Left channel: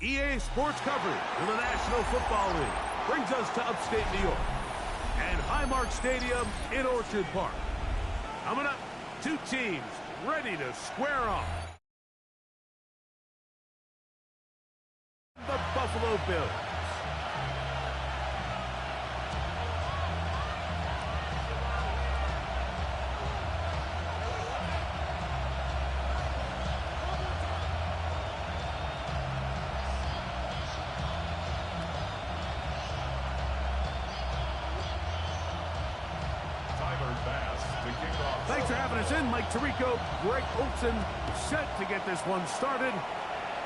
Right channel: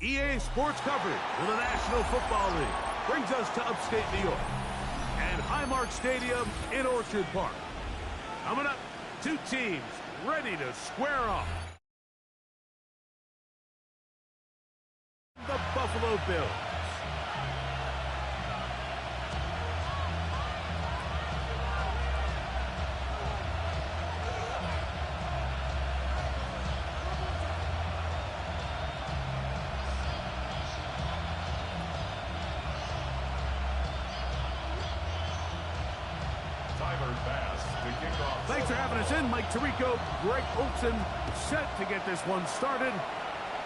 EA Sports coverage of the National Football League brings us to upstate New York and Highmark Stadium in Orchard Park. Coming up, two teams ready to square off. The Buffalo Bills. Thanks for having us in. Mike Tirico, Greg Olson, set to get this one started.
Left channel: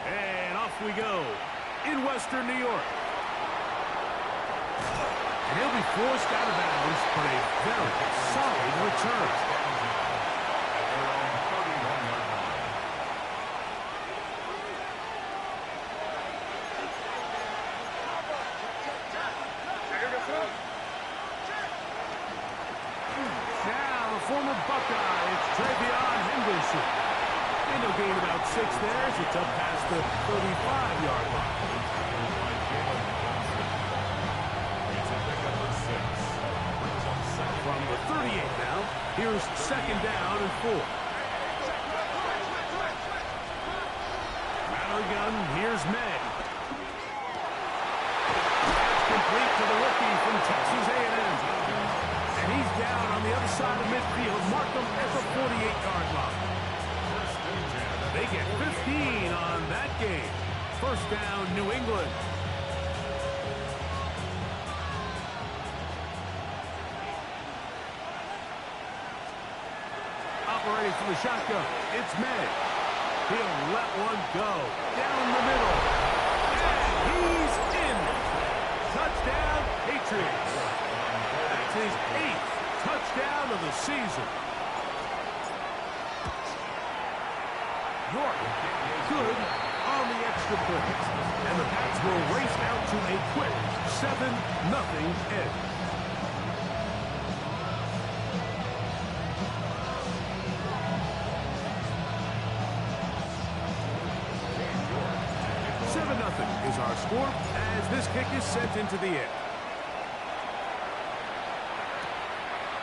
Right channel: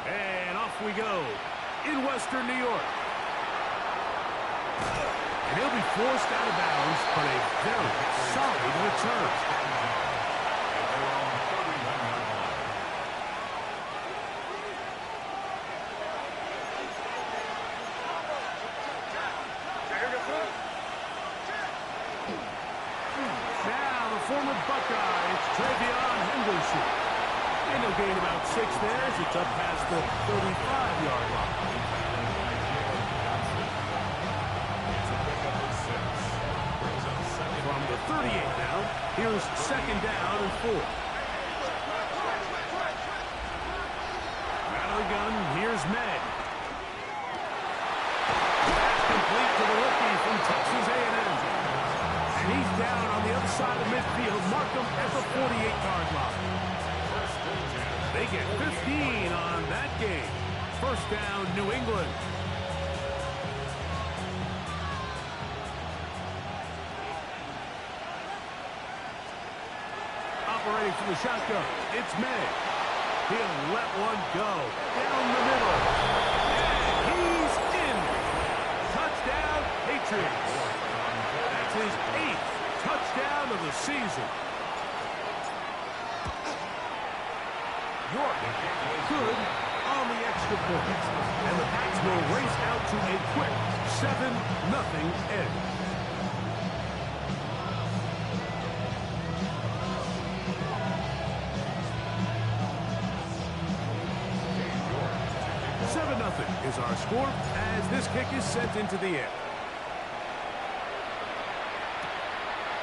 And off we go in Western New York. And he'll be forced out of bounds, but a very solid return. Former Buckeye, it's Travion Henderson. And he'll gain about 6 there as it's up past the 35-yard line. From the 38 now, here's second down and 4. Out of the gun, here's May. That's complete to the rookie from Texas A&M. And he's down on the other side of midfield. Mark him at the 48-yard line. They get 15 on that game. First down, New England. Operating from the shotgun, it's May. He'll let one go down the middle. And he's in. Touchdown, Patriots. That's his 8th touchdown of the season. York good on the extra point. And the Pats will race out to a quick 7-0 edge. Is our score as this kick is sent into the air.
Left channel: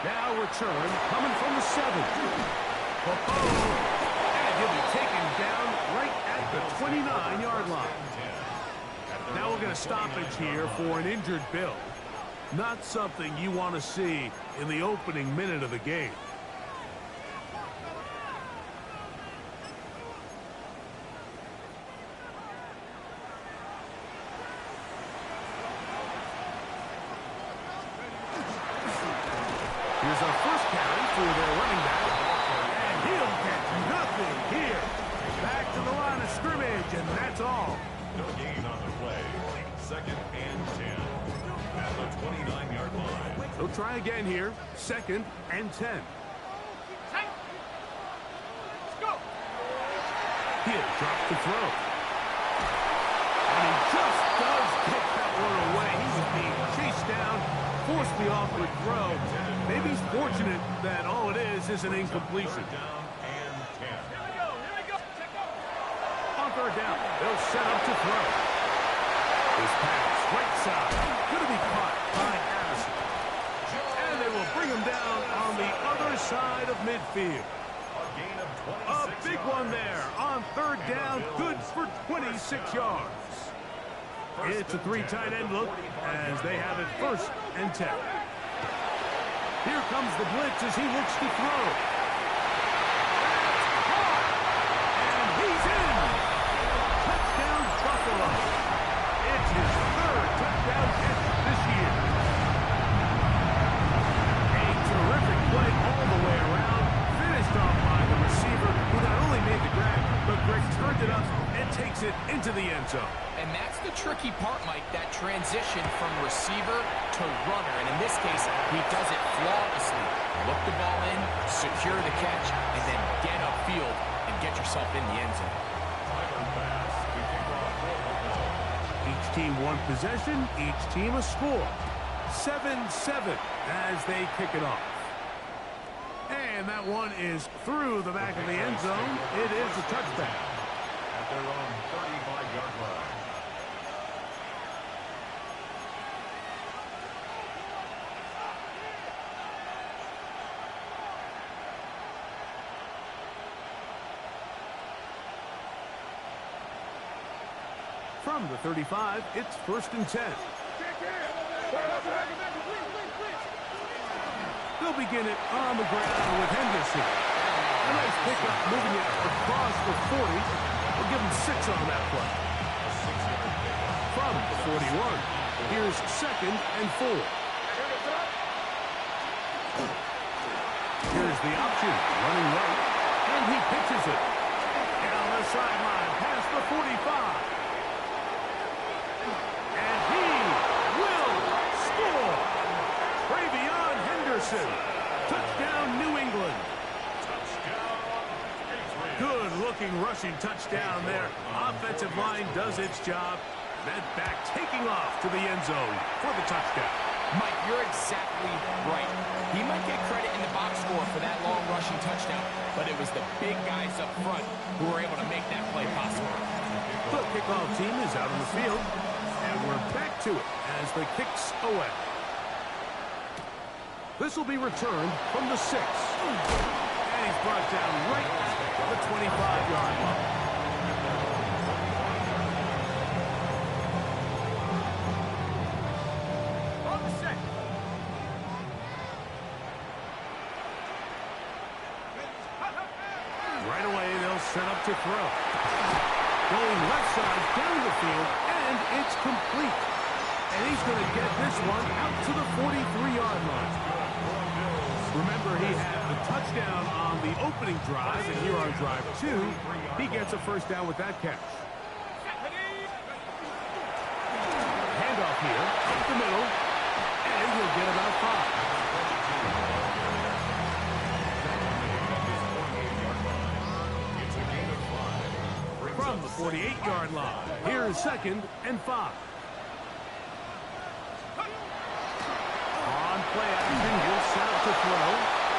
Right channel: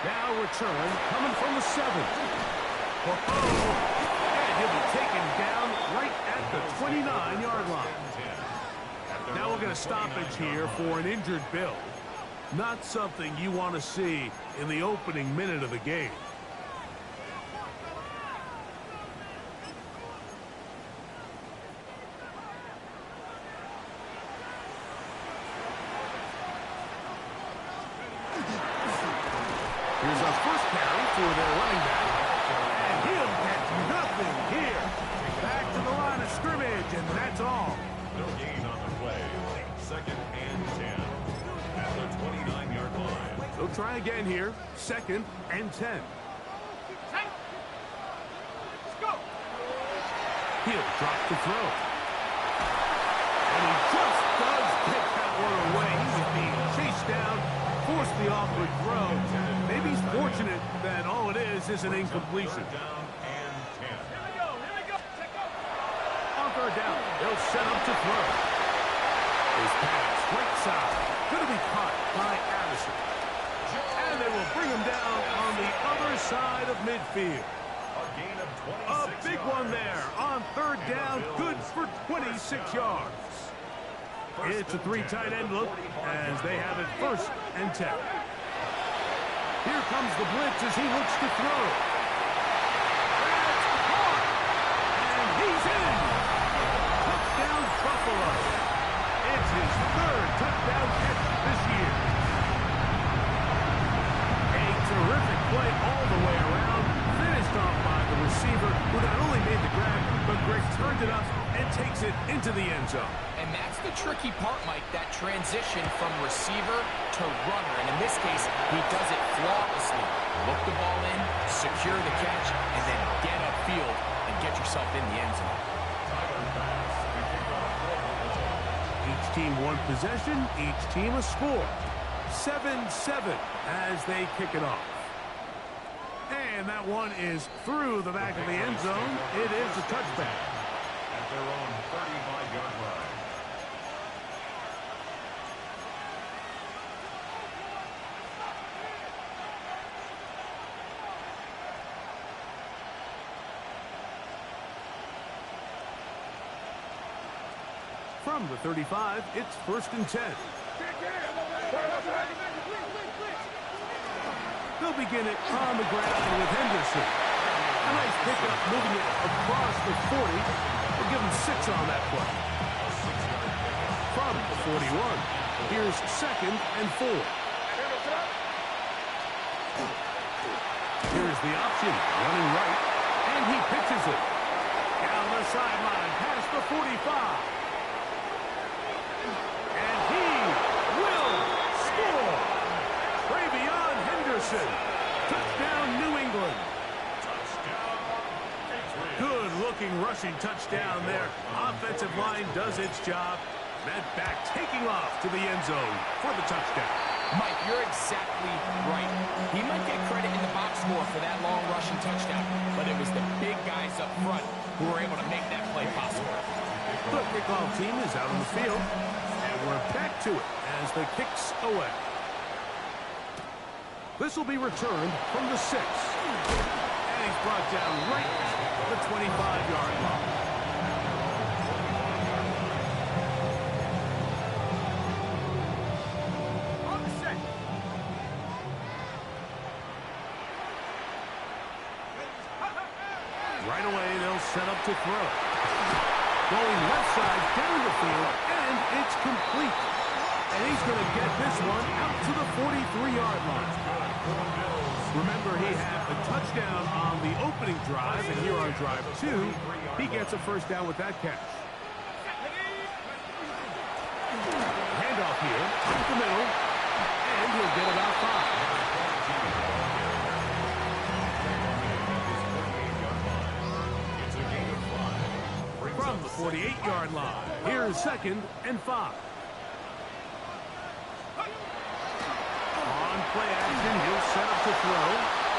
Now return coming from the 7. And he'll be taken down right at the 29-yard line. Now we'll get a stoppage here for an injured Bill. Not something you want to see in the opening minute of the game. Here's our first carry for their running back. And he'll get nothing here. Back to the line of scrimmage, and that's all. No gain on the play. 2nd and 10 at the 29-yard line. They'll try again here. 2nd and 10. Let's go. He'll drop the throw. And he just does get that one away. He was being chased down. Forced the awkward throw. Maybe he's fortunate that all it is an incompletion. Down and 10. Here we go. Check out. On third down, they'll set up to throw. His pass, right side, going to be caught by Addison. And they will bring him down on the other side of midfield. A gain of 26 A big yards. one there on third down, good for 26 yards. It's a 3 tight end look as they have it 1st and 10. Here comes the blitz as he looks to throw. That's caught. And he's in. Touchdown Buffalo. It's his 3rd touchdown catch this year. A terrific play all the way around. Finished off by the receiver who not only made the grab, but Greg turned it up and takes it into the end zone. And that's the tricky part, Mike, that transition from receiver to runner. And in this case, he does it flawlessly. Look the ball in, secure the catch, and then get upfield and get yourself in the end zone. Each team one possession, each team a score. 7-7 as they kick it off. And that one is through the back of the end zone. It is a touchback. At their own 35-yard line. From the 35, it's 1st and 10. They'll begin it on the ground with Henderson. A nice pickup moving it across the 40. We'll give him 6 on that play. From the 41, here's 2nd and 4. Here's the option, running right, and he pitches it. Down the sideline, past the 45. And he will score. Travion Henderson. Touchdown, New England. Good-looking rushing touchdown there. Offensive line does its job. That back taking off to the end zone for the touchdown. Mike, you're exactly right. He might get credit in the box score for that long rushing touchdown, but it was the big guys up front who were able to make that play possible. The kickoff team is out on the field, and we're back to it as the kick's away. This will be returned from the 6. And he's brought down right at the 25-yard line. On the set. Right away, they'll set up to throw. Going left side down the field, and it's complete. And he's going to get this one out to the 43-yard line. Remember, he had a touchdown on the opening drive, and here on drive 2, he gets a first down with that catch. Handoff here, up the middle, and he'll get about 5. From the 48-yard line, here's 2nd and 5. On play action, he'll set up to throw.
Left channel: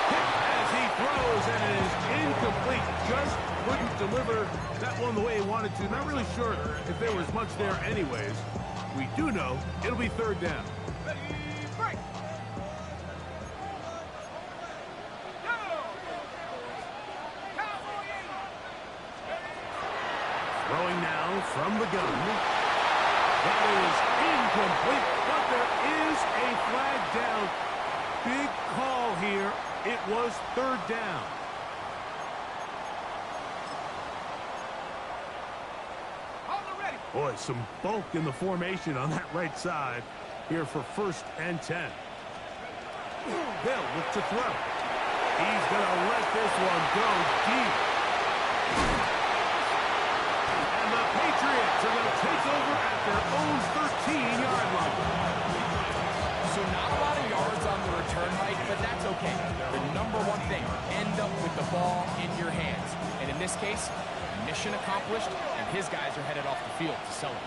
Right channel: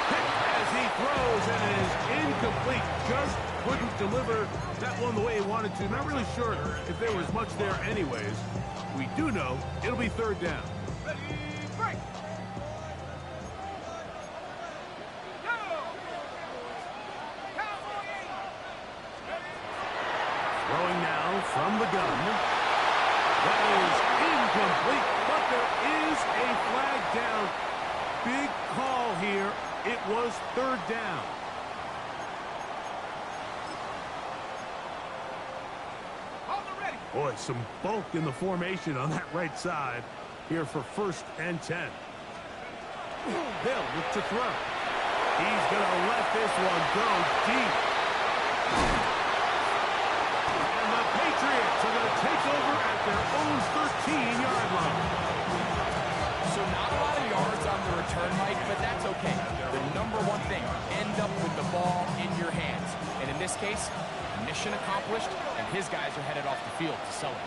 Hit as he throws, and it is incomplete. Just couldn't deliver that one the way he wanted to. Not really sure if there was much there anyways. We do know it'll be 3rd down. Ready, break. Throwing now from the gun. That is incomplete, but there is a flag down. Big call here. It was 3rd down. Hold the ready. Boy, some bulk in the formation on that right side here for 1st and 10. They'll look to throw. He's going to let this one go deep. And the Patriots are going to take over at their own 13-yard line. So not a lot of yards on the return, Mike, but that's okay. The number one thing, end up with the ball in your hands. And in this case, mission accomplished, and his guys are headed off the field to celebrate.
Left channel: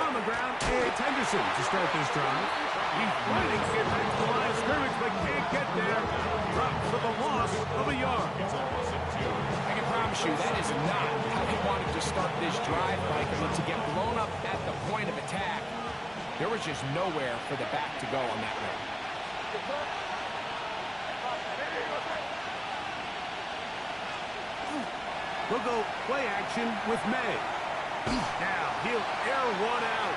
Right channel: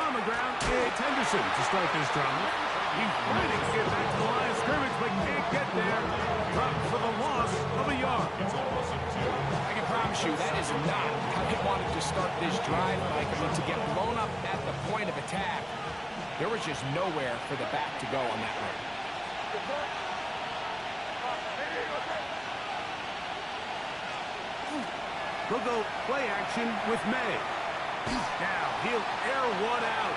On the ground, it's Henderson to start this drive. He's fighting to get back to the line of scrimmage, but can't get there. Dropped for the loss of a yard. I can promise you that is not how they wanted to start this drive, Mike. I mean, to get blown up at the point of attack, there was just nowhere for the back to go on that run. They'll go play action with May. Now he'll air one out.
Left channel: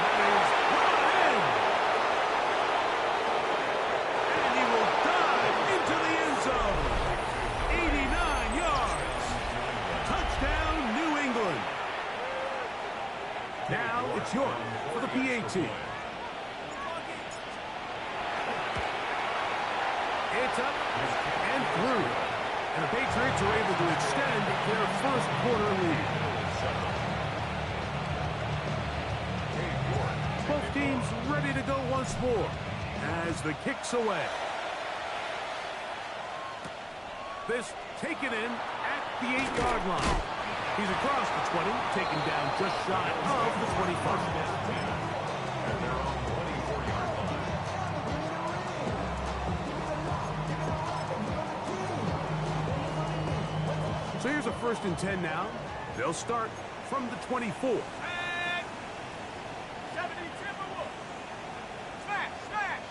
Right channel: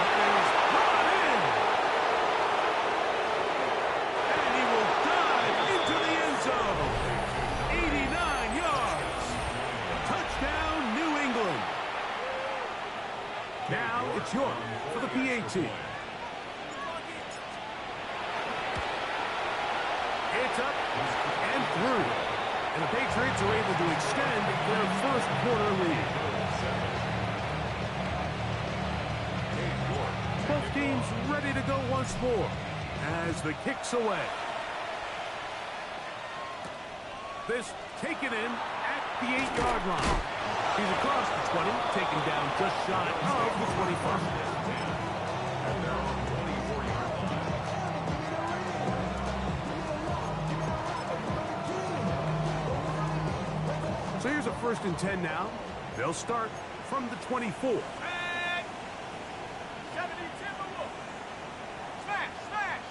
That is brought in. And he will dive into the end zone. 89 yards. Touchdown, New England. Now it's York for the PAT. It's up and through. And the Patriots are able to extend their first quarter lead. Both teams ready to go once more as the kick's away. This taken in at the 8-yard line. He's across the 20, taken down just shy of the 25. At their own 24-yard line. So here's a 1st and 10 now. They'll start from the 24. And 70 Timberwolves. Smash, smash.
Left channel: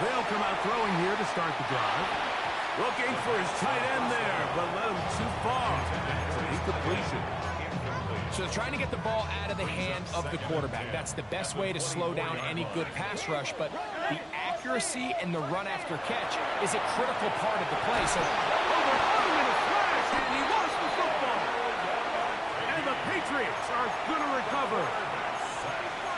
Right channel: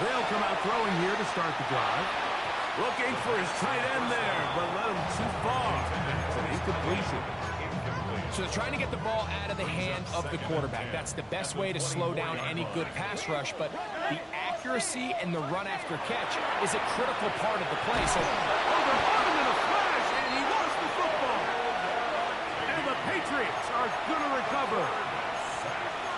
They'll come out throwing here to start the drive. Looking for his tight end there, but led him too far. It's an incompletion. So they're trying to get the ball out of the hand of the quarterback. That's the best way to slow down any good pass rush, but the accuracy and the run after catch is a critical part of the play. So, they're on him in a flash, and he lost the football. And the Patriots are going to recover.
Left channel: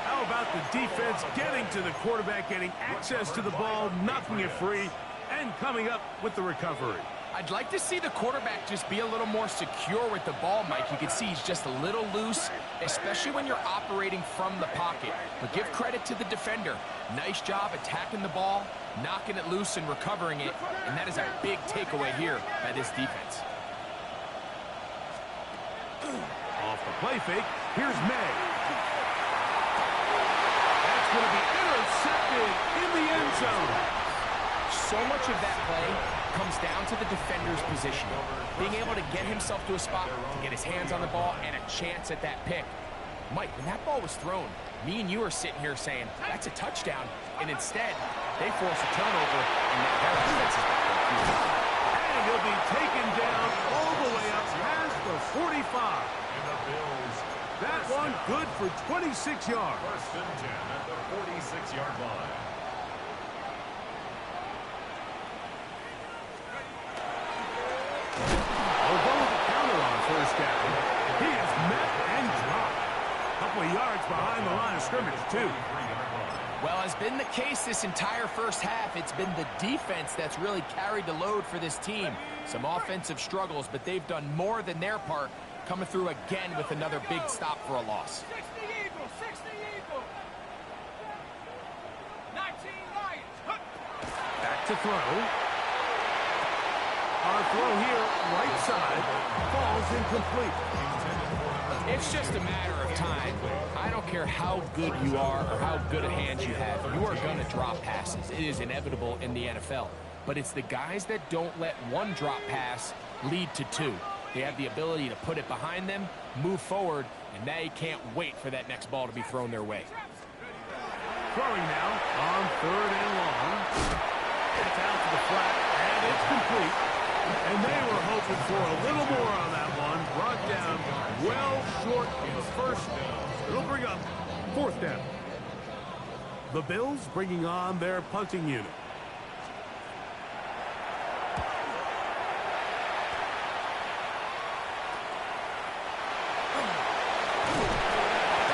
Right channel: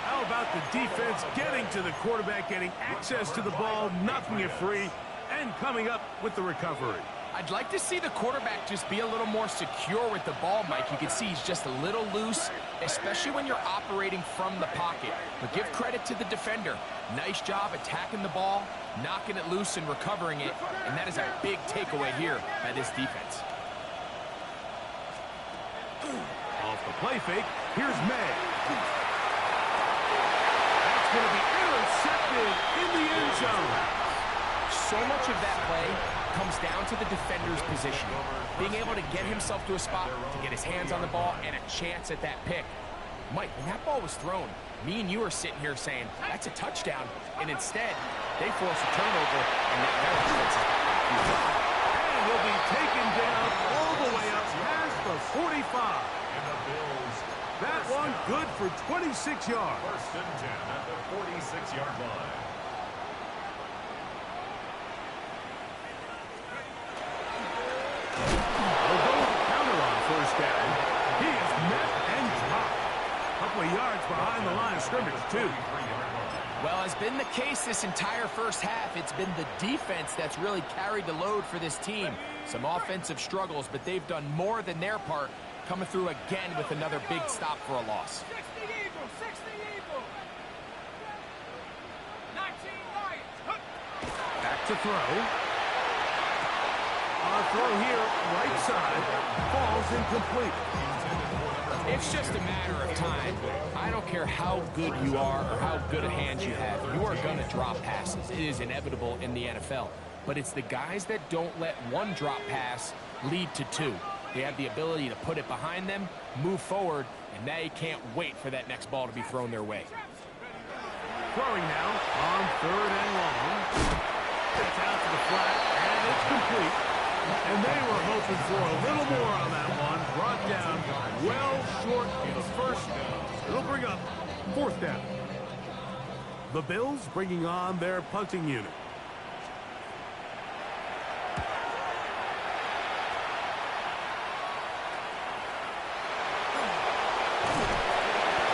How about the defense getting to the quarterback, getting access to the ball, knocking it free, and coming up with the recovery? I'd like to see the quarterback just be a little more secure with the ball, Mike. You can see he's just a little loose, especially when you're operating from the pocket. But give credit to the defender. Nice job attacking the ball, knocking it loose and recovering it, and that is a big takeaway here by this defense. Off the play fake, here's May. That's going to be intercepted in the end zone. So much of that play comes down to the defender's positioning, being able to get himself to a spot, to get his hands on the ball, and a chance at that pick. Mike, when that ball was thrown, me and you are sitting here saying, that's a touchdown, and instead, they force a turnover, and now their offense is back on the field. And he'll be taken down all the way up past the 45. And the Bills. That one good for 26 yards. First and 10 at the 46-yard line. They'll go with the counter on first down. He is met and dropped. A couple of yards behind the line of scrimmage, too. Well, has been the case this entire first half. It's been the defense that's really carried the load for this team. Some offensive struggles, but they've done more than their part, coming through again with another big stop for a loss. 60 Eagles, 60 Eagles. 19 Lions. Back to throw. On throw here, right side, falls incomplete. It's just a matter of time. I don't care how good you are or how good a hand you have. You are going to drop passes. It is inevitable in the NFL. But it's the guys that don't let one drop pass lead to two. They have the ability to put it behind them, move forward, and they can't wait for that next ball to be thrown their way. Throwing now on third and long. It's out to the flat, and it's complete. And they were hoping for a little more on that one. Brought down well short of the first. It'll bring up fourth down. The Bills bringing on their punting unit.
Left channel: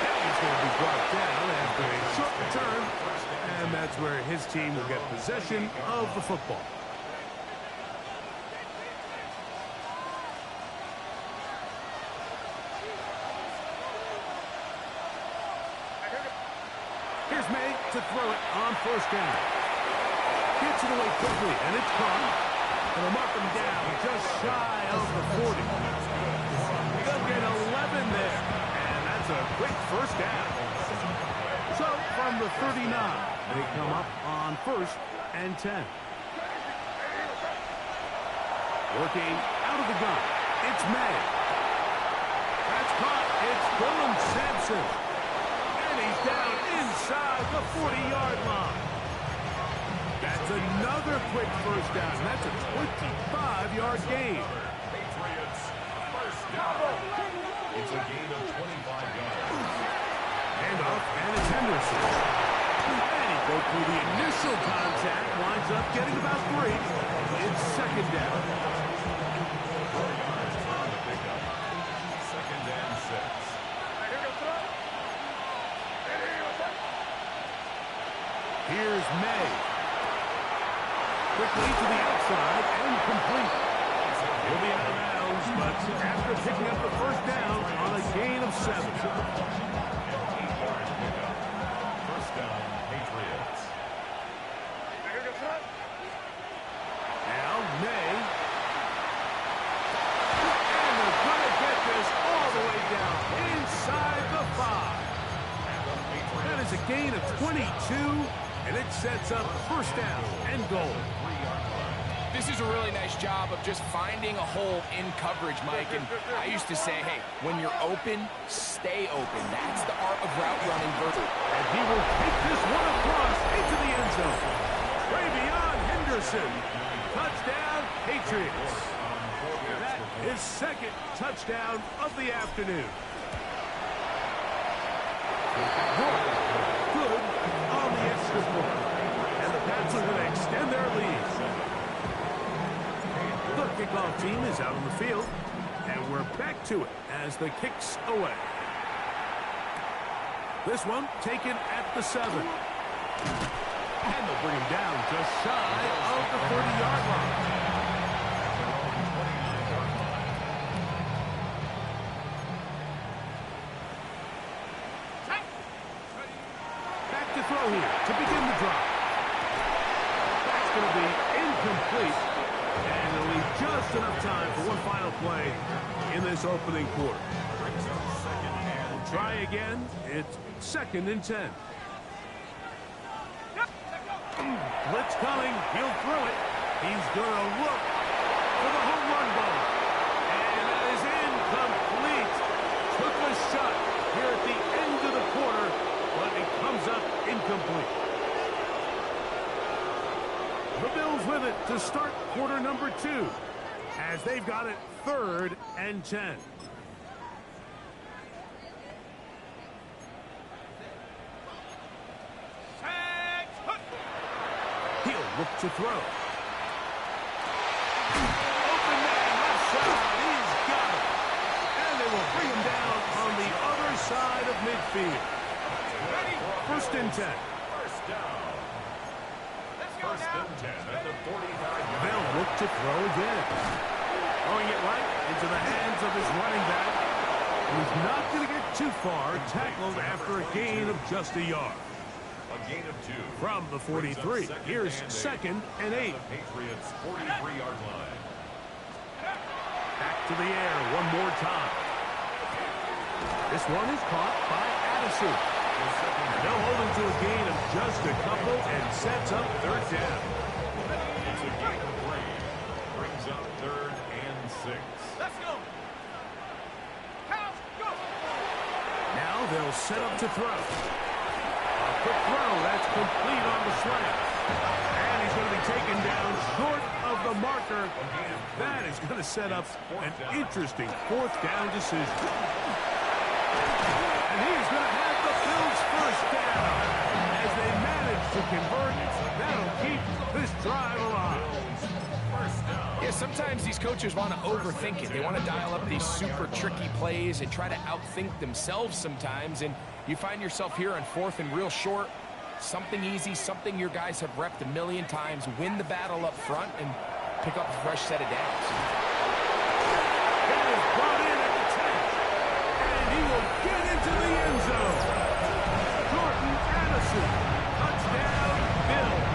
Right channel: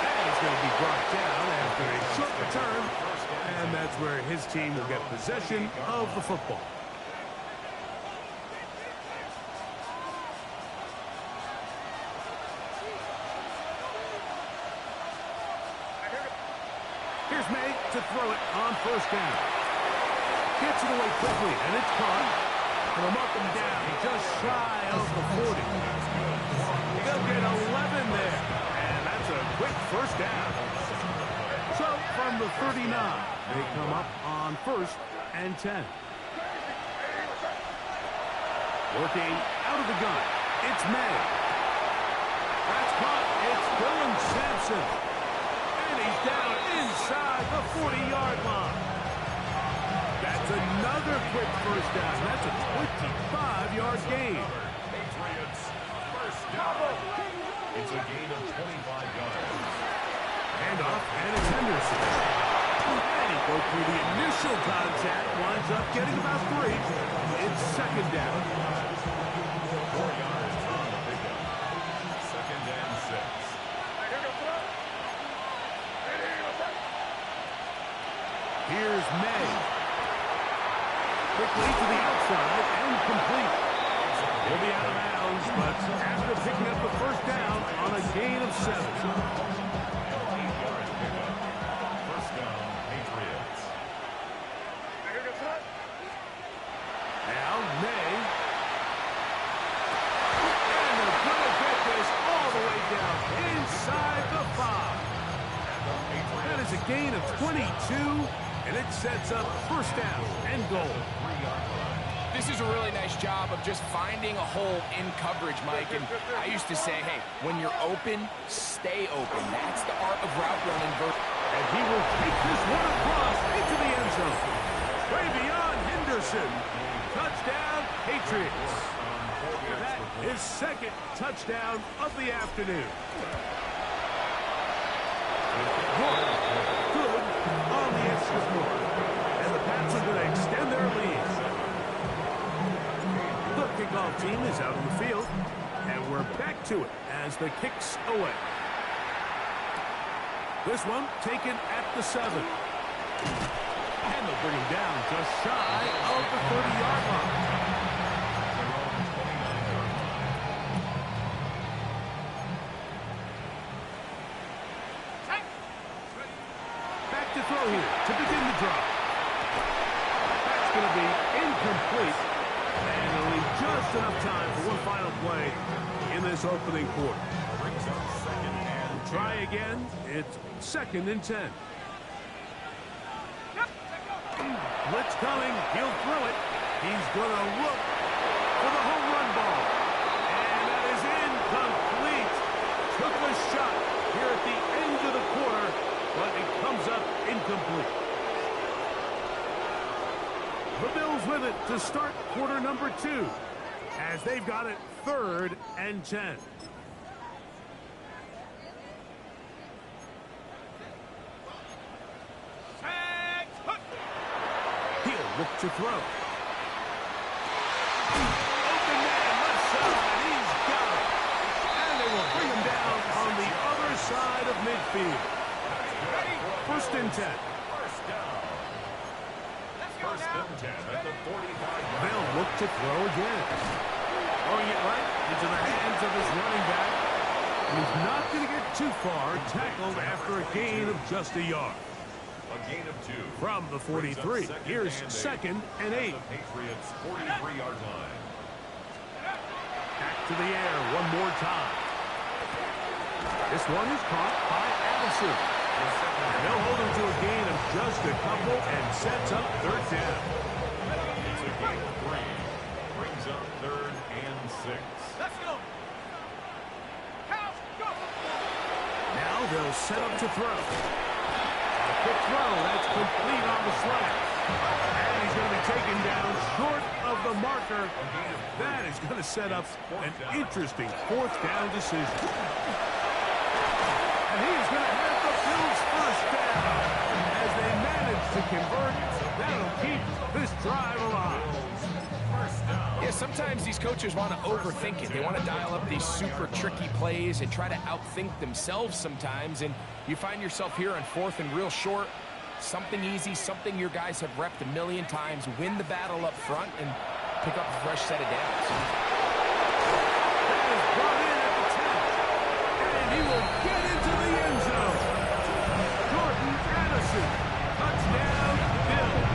And he's going to be brought down after a short return. And that's where his team will get possession of the football. Here's May to throw it on first down. Gets it away quickly, and it's caught. And they'll mark him down just shy of the 40. They'll get 11 there, and that's a quick first down. So from the 39, they come up on first and 10. Working out of the gun, it's May. That's caught. It's Dylan Sampson. He's down inside the 40-yard line. That's another quick first down. That's a 25-yard gain. Patriots, first down. It's a gain of 25 yards. Handoff, and it's Henderson. And he broke through the initial contact, winds up getting about 3. It's second down. 4 yards on the pickup. Second and 6. Here's May. Quickly to the outside and complete. He'll be out of bounds, but after picking up the first down on a gain of 7. An 8-yard pickup. First down, Patriots. Now May. And they're going to get this all the way down inside the 5. That is a gain of 22. And it sets up first down and goal. This is a really nice job of just finding a hole in coverage, Mike. And I used to say, hey, when you're open, stay open. That's the art of route running. And he will take this one across into the end zone. Travion Henderson. Touchdown, Patriots. That is second touchdown of the afternoon. Good on the extra point. And the Pats are going to extend their lead. The kickoff team is out on the field. And we're back to it as the kick's away. This one taken at the 7. And they'll bring him down just shy of the 30-yard line. Back to throw here to begin the drive. That's going to be incomplete. And it'll leave just enough time for one final play in this opening quarter. Try again. It's 2nd and 10. Blitz coming. He'll throw it. He's going to look for the home run ball. And that is incomplete. Took a shot here at the end of the quarter, but it comes up incomplete. The Bills with it to start quarter number 2, as they've got it 3rd and 10. He'll look to throw. Open man, left side. He's got it. And they will bring him down on the other side of midfield. 1st and 10. First down. First and 10 at the 45. They'll look to throw again. Throwing it right into the hands of his running back. He's not going to get too far, tackled after a gain of just a yard. A gain of 2. From the 43, here's 2nd and 8. The Patriots' 43-yard line. Back to the air one more time. This one is caught by Addison. And they'll hold him to a gain of just a couple and sets up 3rd down. It's a gain of 3. Brings up 3rd and 6. Let's go. Cows, go. Now they'll set up to throw. A quick throw, that's complete on the slant. And he's going to be taken down short of the marker. That is going to set up an interesting 4th down decision. And he is going to have the Bills' 1st down. As they manage to convert, that'll keep this drive alive. Yeah, sometimes these coaches want to overthink it. They want to dial up these super tricky plays and try to outthink themselves sometimes. And you find yourself here on 4th and real short. Something easy, something your guys have repped a million times. Win the battle up front and pick up a fresh set of downs. That is brought in at the 10. And he will get into the end zone. Jordan Addison. Touchdown, Bills.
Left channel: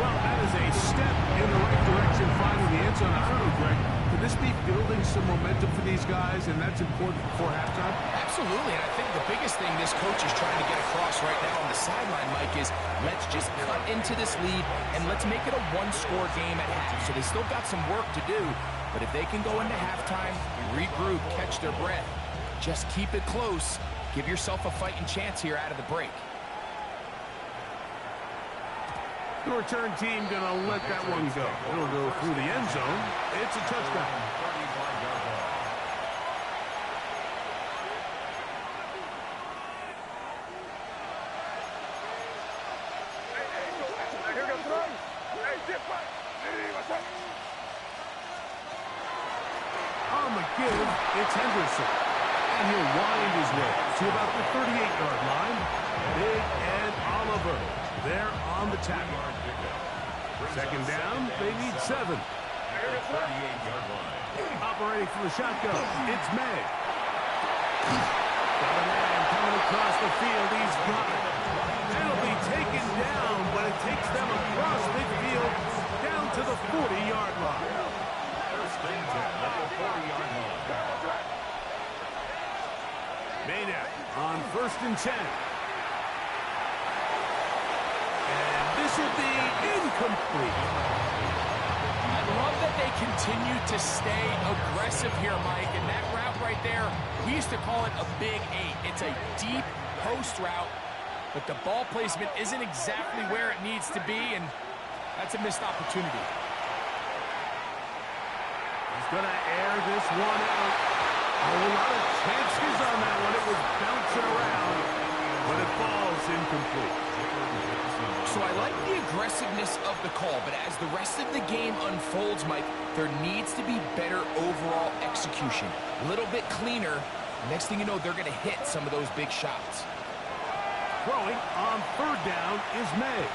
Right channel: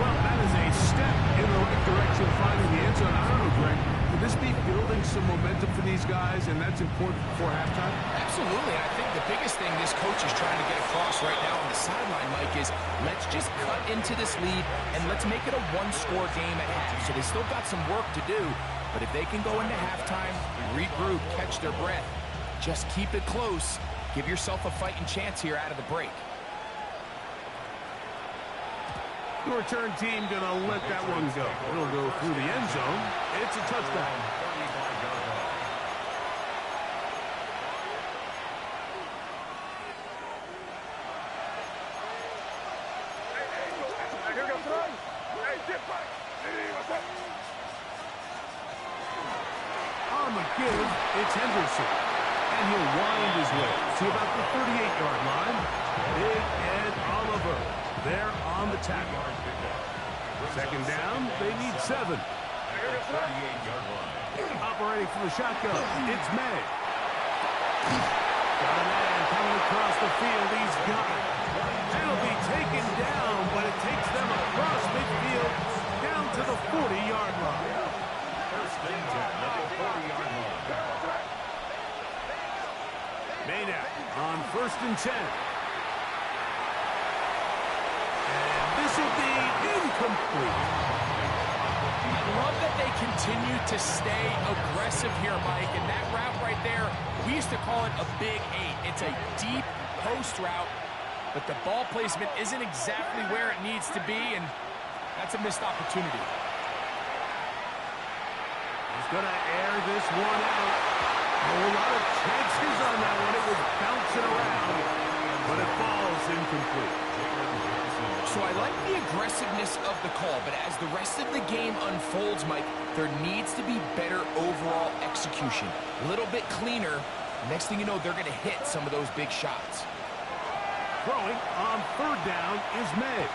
Well, that is a step in the right direction, finding the end zone. I don't know, Greg, could this be building some momentum for these guys, and that's important before halftime? Absolutely, and I think the biggest thing this coach is trying to get across right now on the sideline, Mike, is let's just cut into this lead, and let's make it a one-score game at half. So they still got some work to do, but if they can go into halftime, regroup, catch their breath, just keep it close, give yourself a fighting chance here out of the break. The return team going to let that one go. It'll go through the end zone. It's a touchdown. 35-yard line. On the give, it's Henderson. And he'll wind his way to about the 38-yard line. Big Ed Oliver there on the tackle. 2nd down, they need 7. 38-yard line. Operating from the shotgun, it's May. Got a man coming across the field. He's got it. It'll be taken down, but it takes them across midfield down to the 40-yard line. 1st and 10 at the 40-yard line. Maynard on 1st and 10. And this will be incomplete. I love that they continue to stay aggressive here, Mike. And that route right there, we used to call it a big 8. It's a deep post route. but the ball placement isn't exactly where it needs to be, and that's a missed opportunity. He's going to air this one out. A lot of chances on that one. It was bouncing around, but it falls incomplete. So I like the aggressiveness of the call, but as the rest of the game unfolds, Mike, there needs to be better overall execution. A little bit cleaner. Next thing you know, they're going to hit some of those big shots. Throwing on third down is made.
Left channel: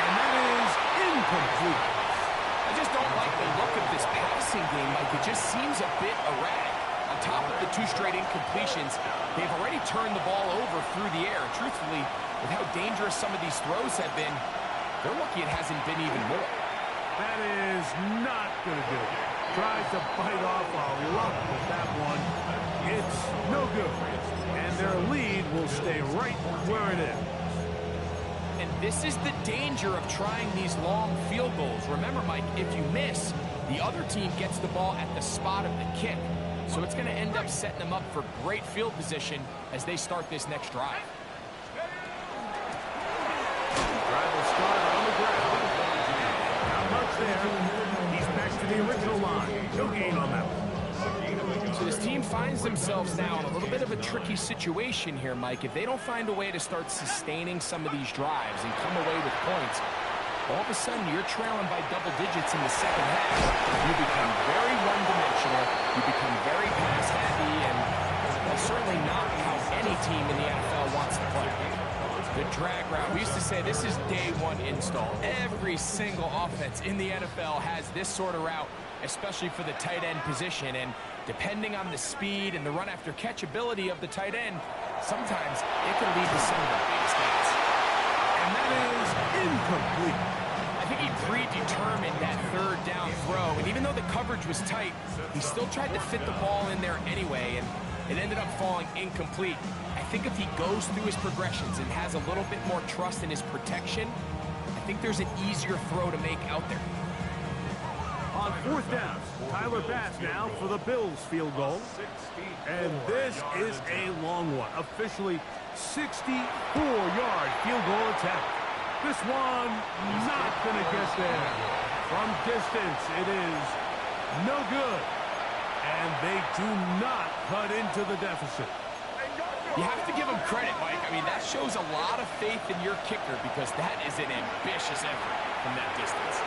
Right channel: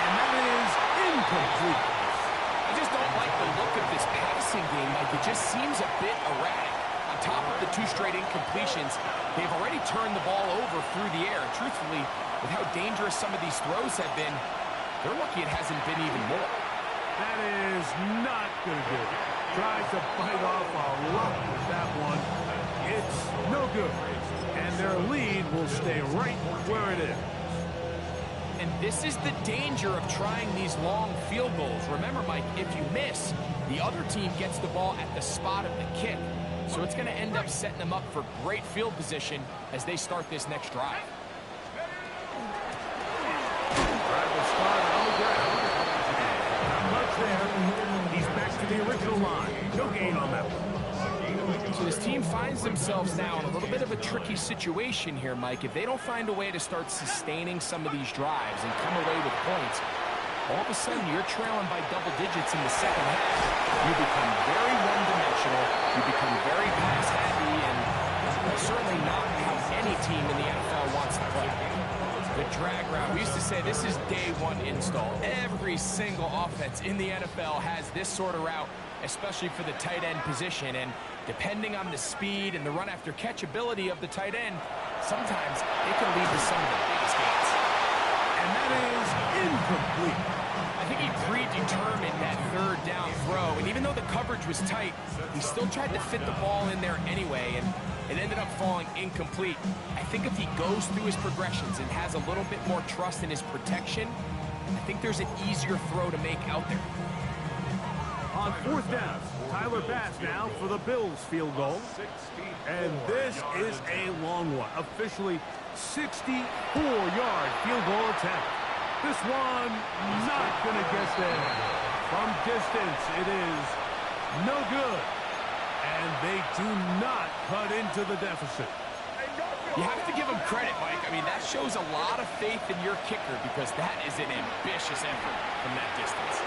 And that is incomplete. I just don't like the look of this passing game, Mike. It just seems a bit erratic. On top of the 2 straight incompletions, they've already turned the ball over through the air. And truthfully, with how dangerous some of these throws have been, they're lucky it hasn't been even more. That is not going to do it. Tries to bite off a lot with that one. It's no good. And their lead will stay right where it is. And this is the danger of trying these long field goals. Remember, Mike, if you miss, the other team gets the ball at the spot of the kick. So it's going to end up setting them up for great field position as they start this next drive. Drive will start on the ground. Not much there. He's back to the original line. No gain on that one. So this team finds themselves now in a little bit of a tricky situation here, Mike. If they don't find a way to start sustaining some of these drives and come away with points, all of a sudden you're trailing by double digits in the second half. You become very one-dimensional. You become very pass-happy, and that's certainly not how any team in the NFL wants to play. The drag route. We used to say this is day one install. Every single offense in the NFL has this sort of route, especially for the tight end position. And depending on the speed and the run-after-catch ability of the tight end, sometimes it can lead to some of the biggest gains. And that is incomplete. I think he predetermined that third down throw, and even though the coverage was tight, he still tried to fit the ball in there anyway, and it ended up falling incomplete. I think if he goes through his progressions and has a little bit more trust in his protection, I think there's an easier throw to make out there. On fourth down, Tyler Bass now for the Bills field goal. And this is a long one. Officially 64-yard field goal attempt. This one not going to get there. From distance, it is no good. And they do not cut into the deficit. You have to give him credit, Mike. I mean, that shows a lot of faith in your kicker because that is an ambitious effort from that distance.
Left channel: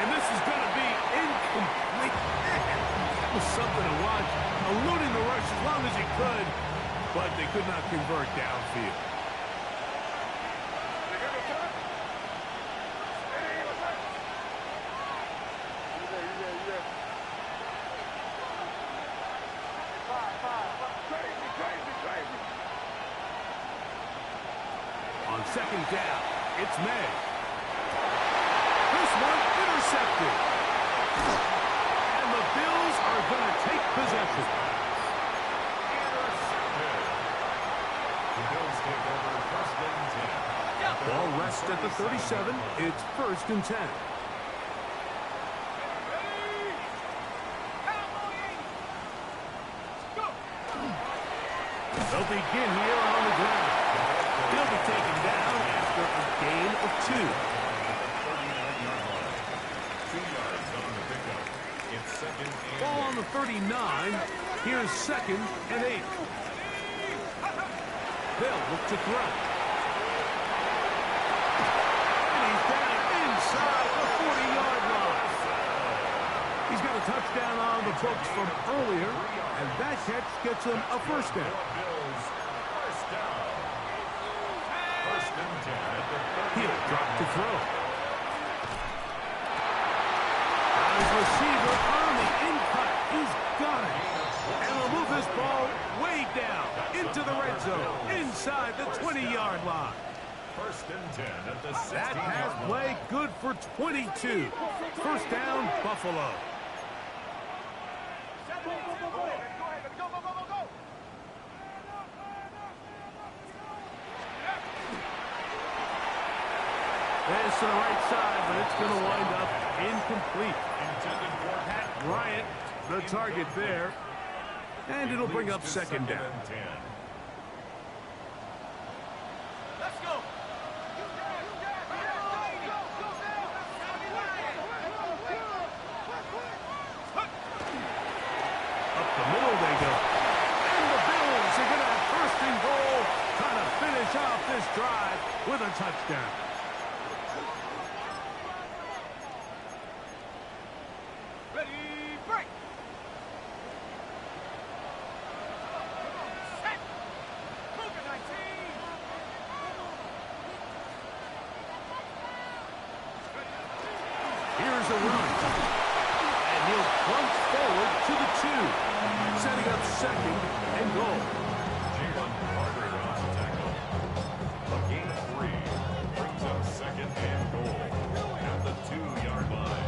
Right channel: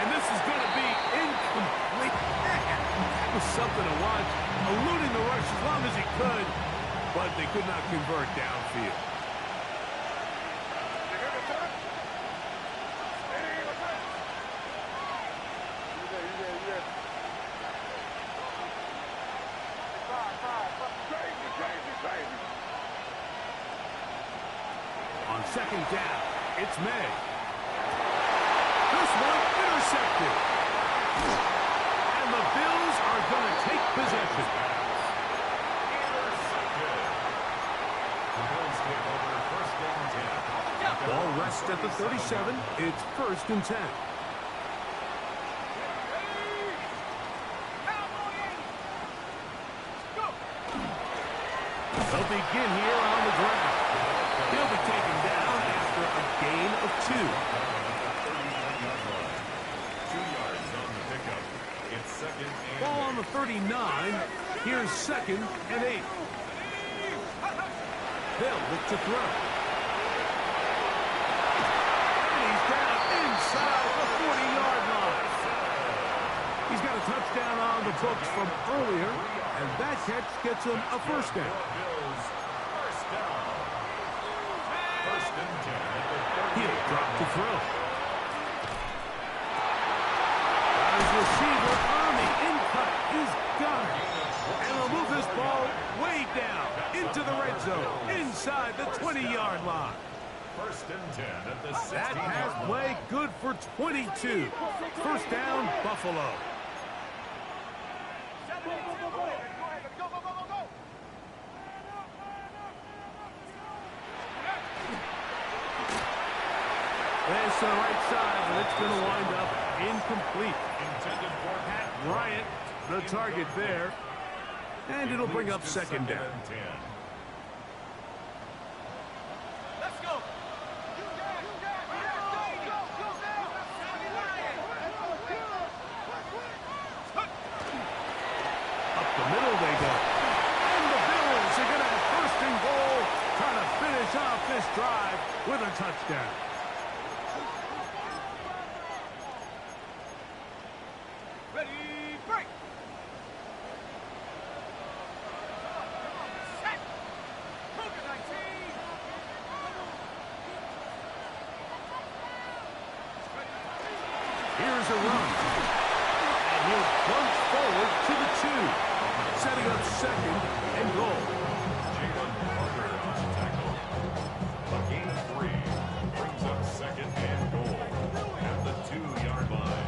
And this is going to be incomplete. That was something to watch. Eluding the rush as long as he could, but they could not convert downfield. On second down, it's May. This one intercepted. And the Bills are going to take possession. Intercepted. The Bills take over first and 10. Ball rests at the 37. It's first and 10. They'll begin here on the ground. He'll be taken down after a gain of 2. 2 yards on the pickup. It's second and Ball on the 39. Here's second and 8. They'll look to throw. And he's down inside the 40-yard line. He's got a touchdown on the books from earlier, and that catch gets him a first down. Bills first down. First and 10 at the 30. He'll drop to throw. Got his receiver on the in-cut. He's got it. And they'll move this ball way down into the red zone, inside the 20-yard line. First and 10 at the 16-yard That pass line. play good for 22. First down, Buffalo. This to the right side, but it's going to wind up incomplete. Intended for Pat Bryant, the target there. And it'll bring up second down. And 10. Let's go. Up the middle they go. And the Bills are going to have first and goal, trying to finish off this drive with a touchdown. Ready, break. Set. Cougar 19. Here's a run. And he'll plunge forward to the 2. Setting up second and goal. Jalen Carter on the tackle. A gain of 3 brings up second and goal at the 2-yard line.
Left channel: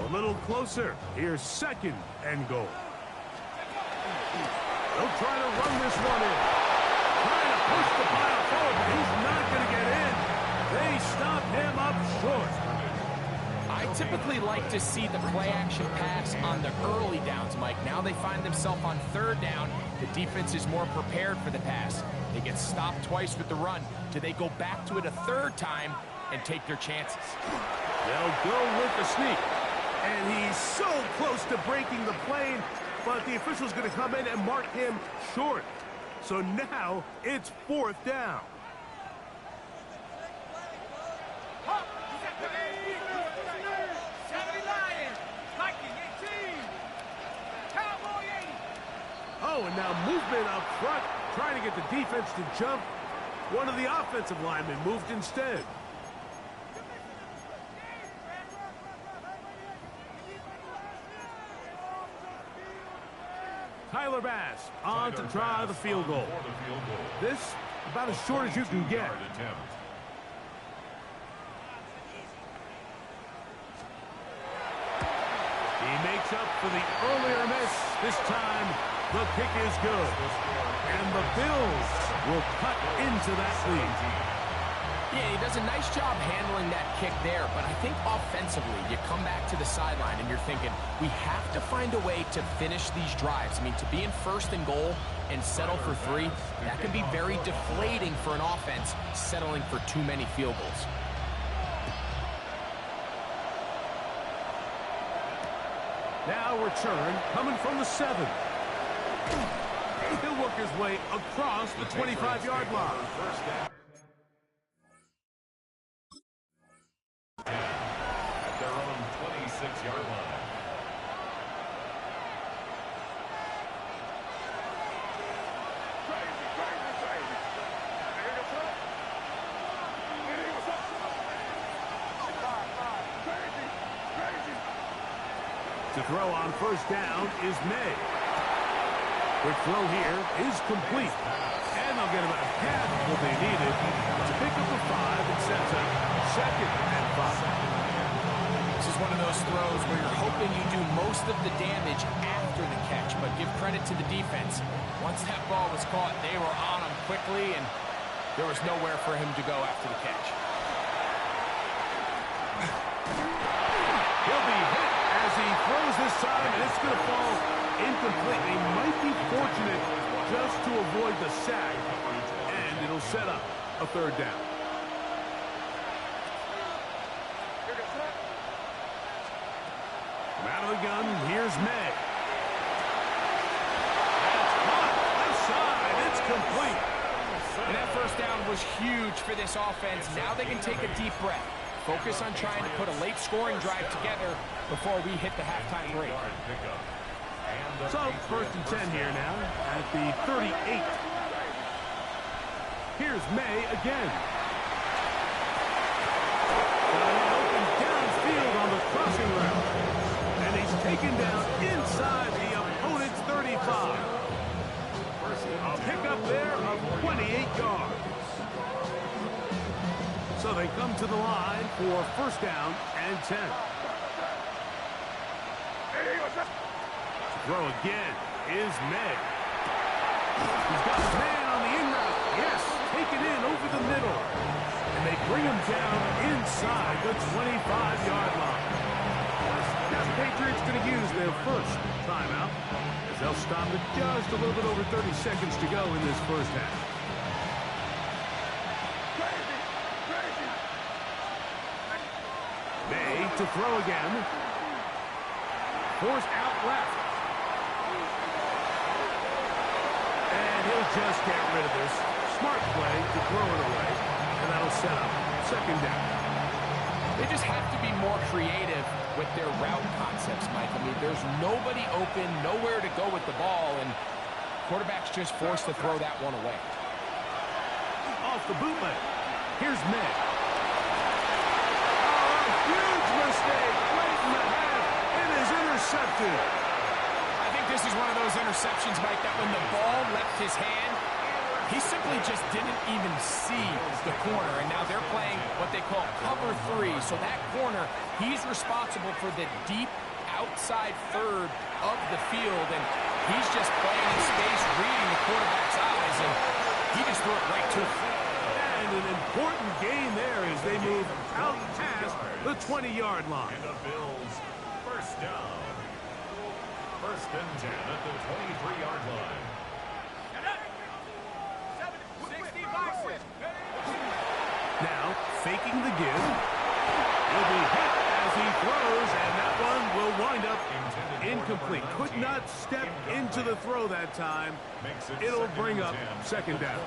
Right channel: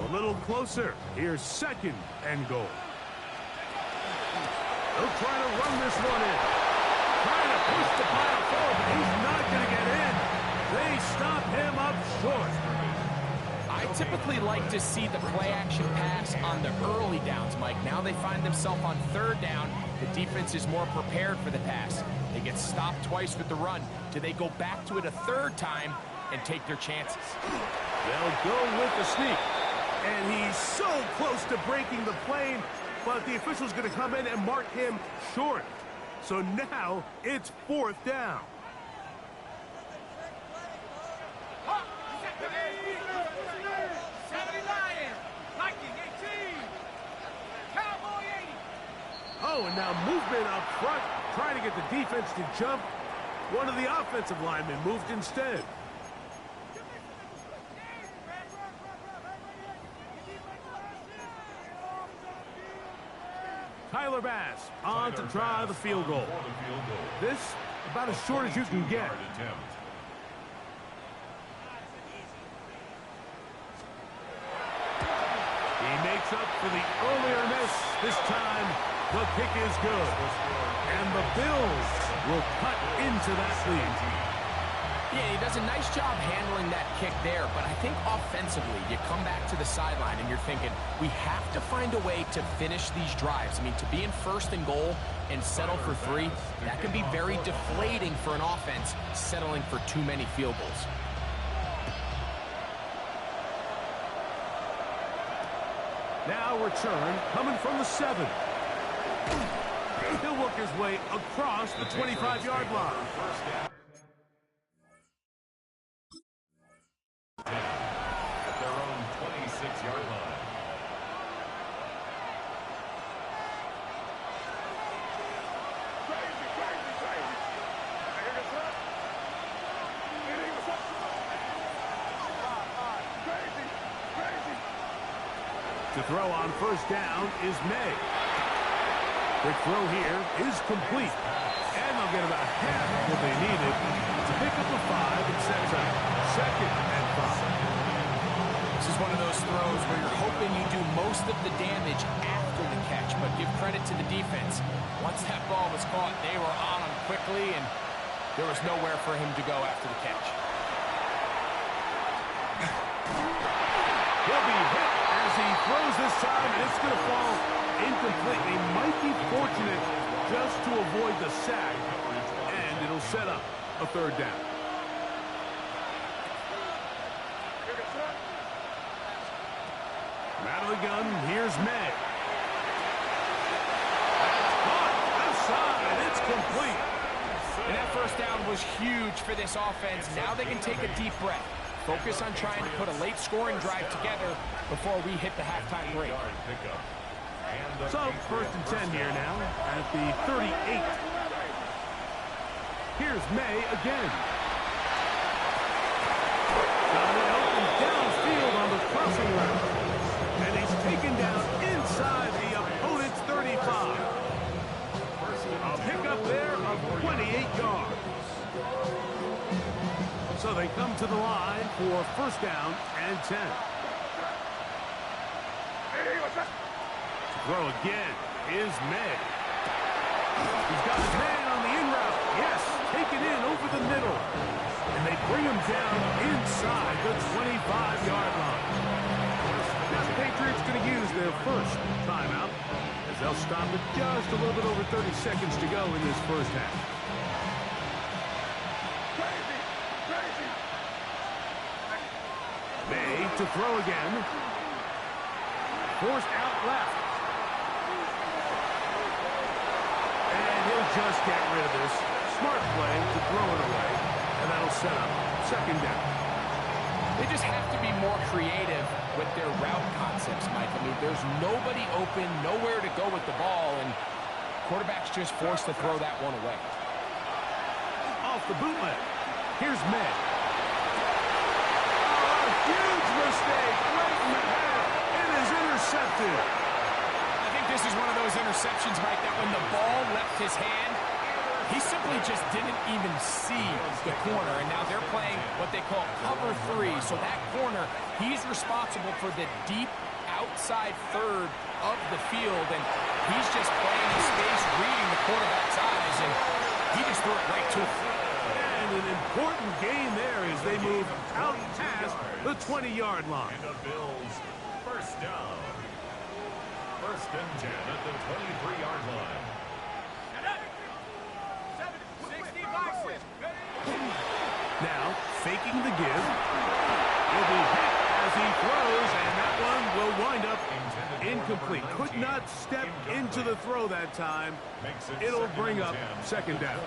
A little closer. Here's second and goal. They'll try to run this one in. Trying to push the pile forward, but he's not going to get in. They stop him up short. I typically like to see the play-action pass on the early downs, Mike. Now they find themselves on third down. The defense is more prepared for the pass. They get stopped twice with the run. Do they go back to it a third time and take their chances? They'll go with the sneak. And he's so close to breaking the plane, but the official's going to come in and mark him short. So now it's fourth down. Oh, and now movement up front, trying to get the defense to jump. One of the offensive linemen moved instead. Tyler Bass on to try the field goal. This about as short as you can get. He makes up for the earlier miss. This time, the kick is good. And the Bills will cut into that lead. Yeah, he does a nice job handling that kick there, but I think offensively, you come back to the sideline and you're thinking, we have to find a way to finish these drives. I mean, to be in first and goal and settle for 3, that can be very deflating for an offense settling for too many field goals. Now return coming from the 7. He'll work his way across the 25-yard line. At their own 26-yard line. To throw on first down is May. Quick throw here is complete. And they'll get about half what they needed to pick up a 5 and sets up second and 5. This is one of those throws where you're hoping you do most of the damage after the catch, but give credit to the defense. Once that ball was caught, they were on him quickly, and there was nowhere for him to go after the catch. He'll be hit as he throws this time, and it's going to fall incomplete. He might be fortunate just to avoid the sack, and it'll set up a third down. From out of the gun, here's May. That's caught. Left side. It's complete. And that first down was huge for this offense. Now they can take a deep breath. Focus on trying to put a late scoring drive together before we hit the halftime break. So, first and 10 here now at the 38. Here's May again. Got it open downfield on the crossing route. And he's taken down inside the opponent's 35. A pickup there of 28 yards. So they come to the line for first down and 10. Throw again is May. He's got his man on the in route. Yes, taken in over the middle. And they bring him down inside the 25-yard line. Now the Patriots going to use their first timeout as they'll stop it just a little bit over 30 seconds to go in this first half. May to throw again. Forced out left. And he'll just get rid of this. Smart play to throw it away. And that'll set up second down. They just have to be more creative with their route concepts, Mike. I mean, there's nobody open, nowhere to go with the ball, and quarterback's just forced to throw that one away. Off the bootleg. Here's May. Oh, a huge mistake right in the half. It is intercepted. I think this is one of those interceptions, Mike, that when the ball left his hand, he simply just didn't even see the corner, and now they're playing what they call cover 3. So that corner, he's responsible for the deep outside third of the field, and he's just playing in space, reading the quarterback's eyes, and he just threw it right to him. And an important gain there as they move out past the 20-yard line. And the Bills first down. First and 10 at the 23-yard line. Now, faking the give. He'll be hit as he throws, and that one will wind up incomplete. Could not step into the throw that time. It'll bring up second down.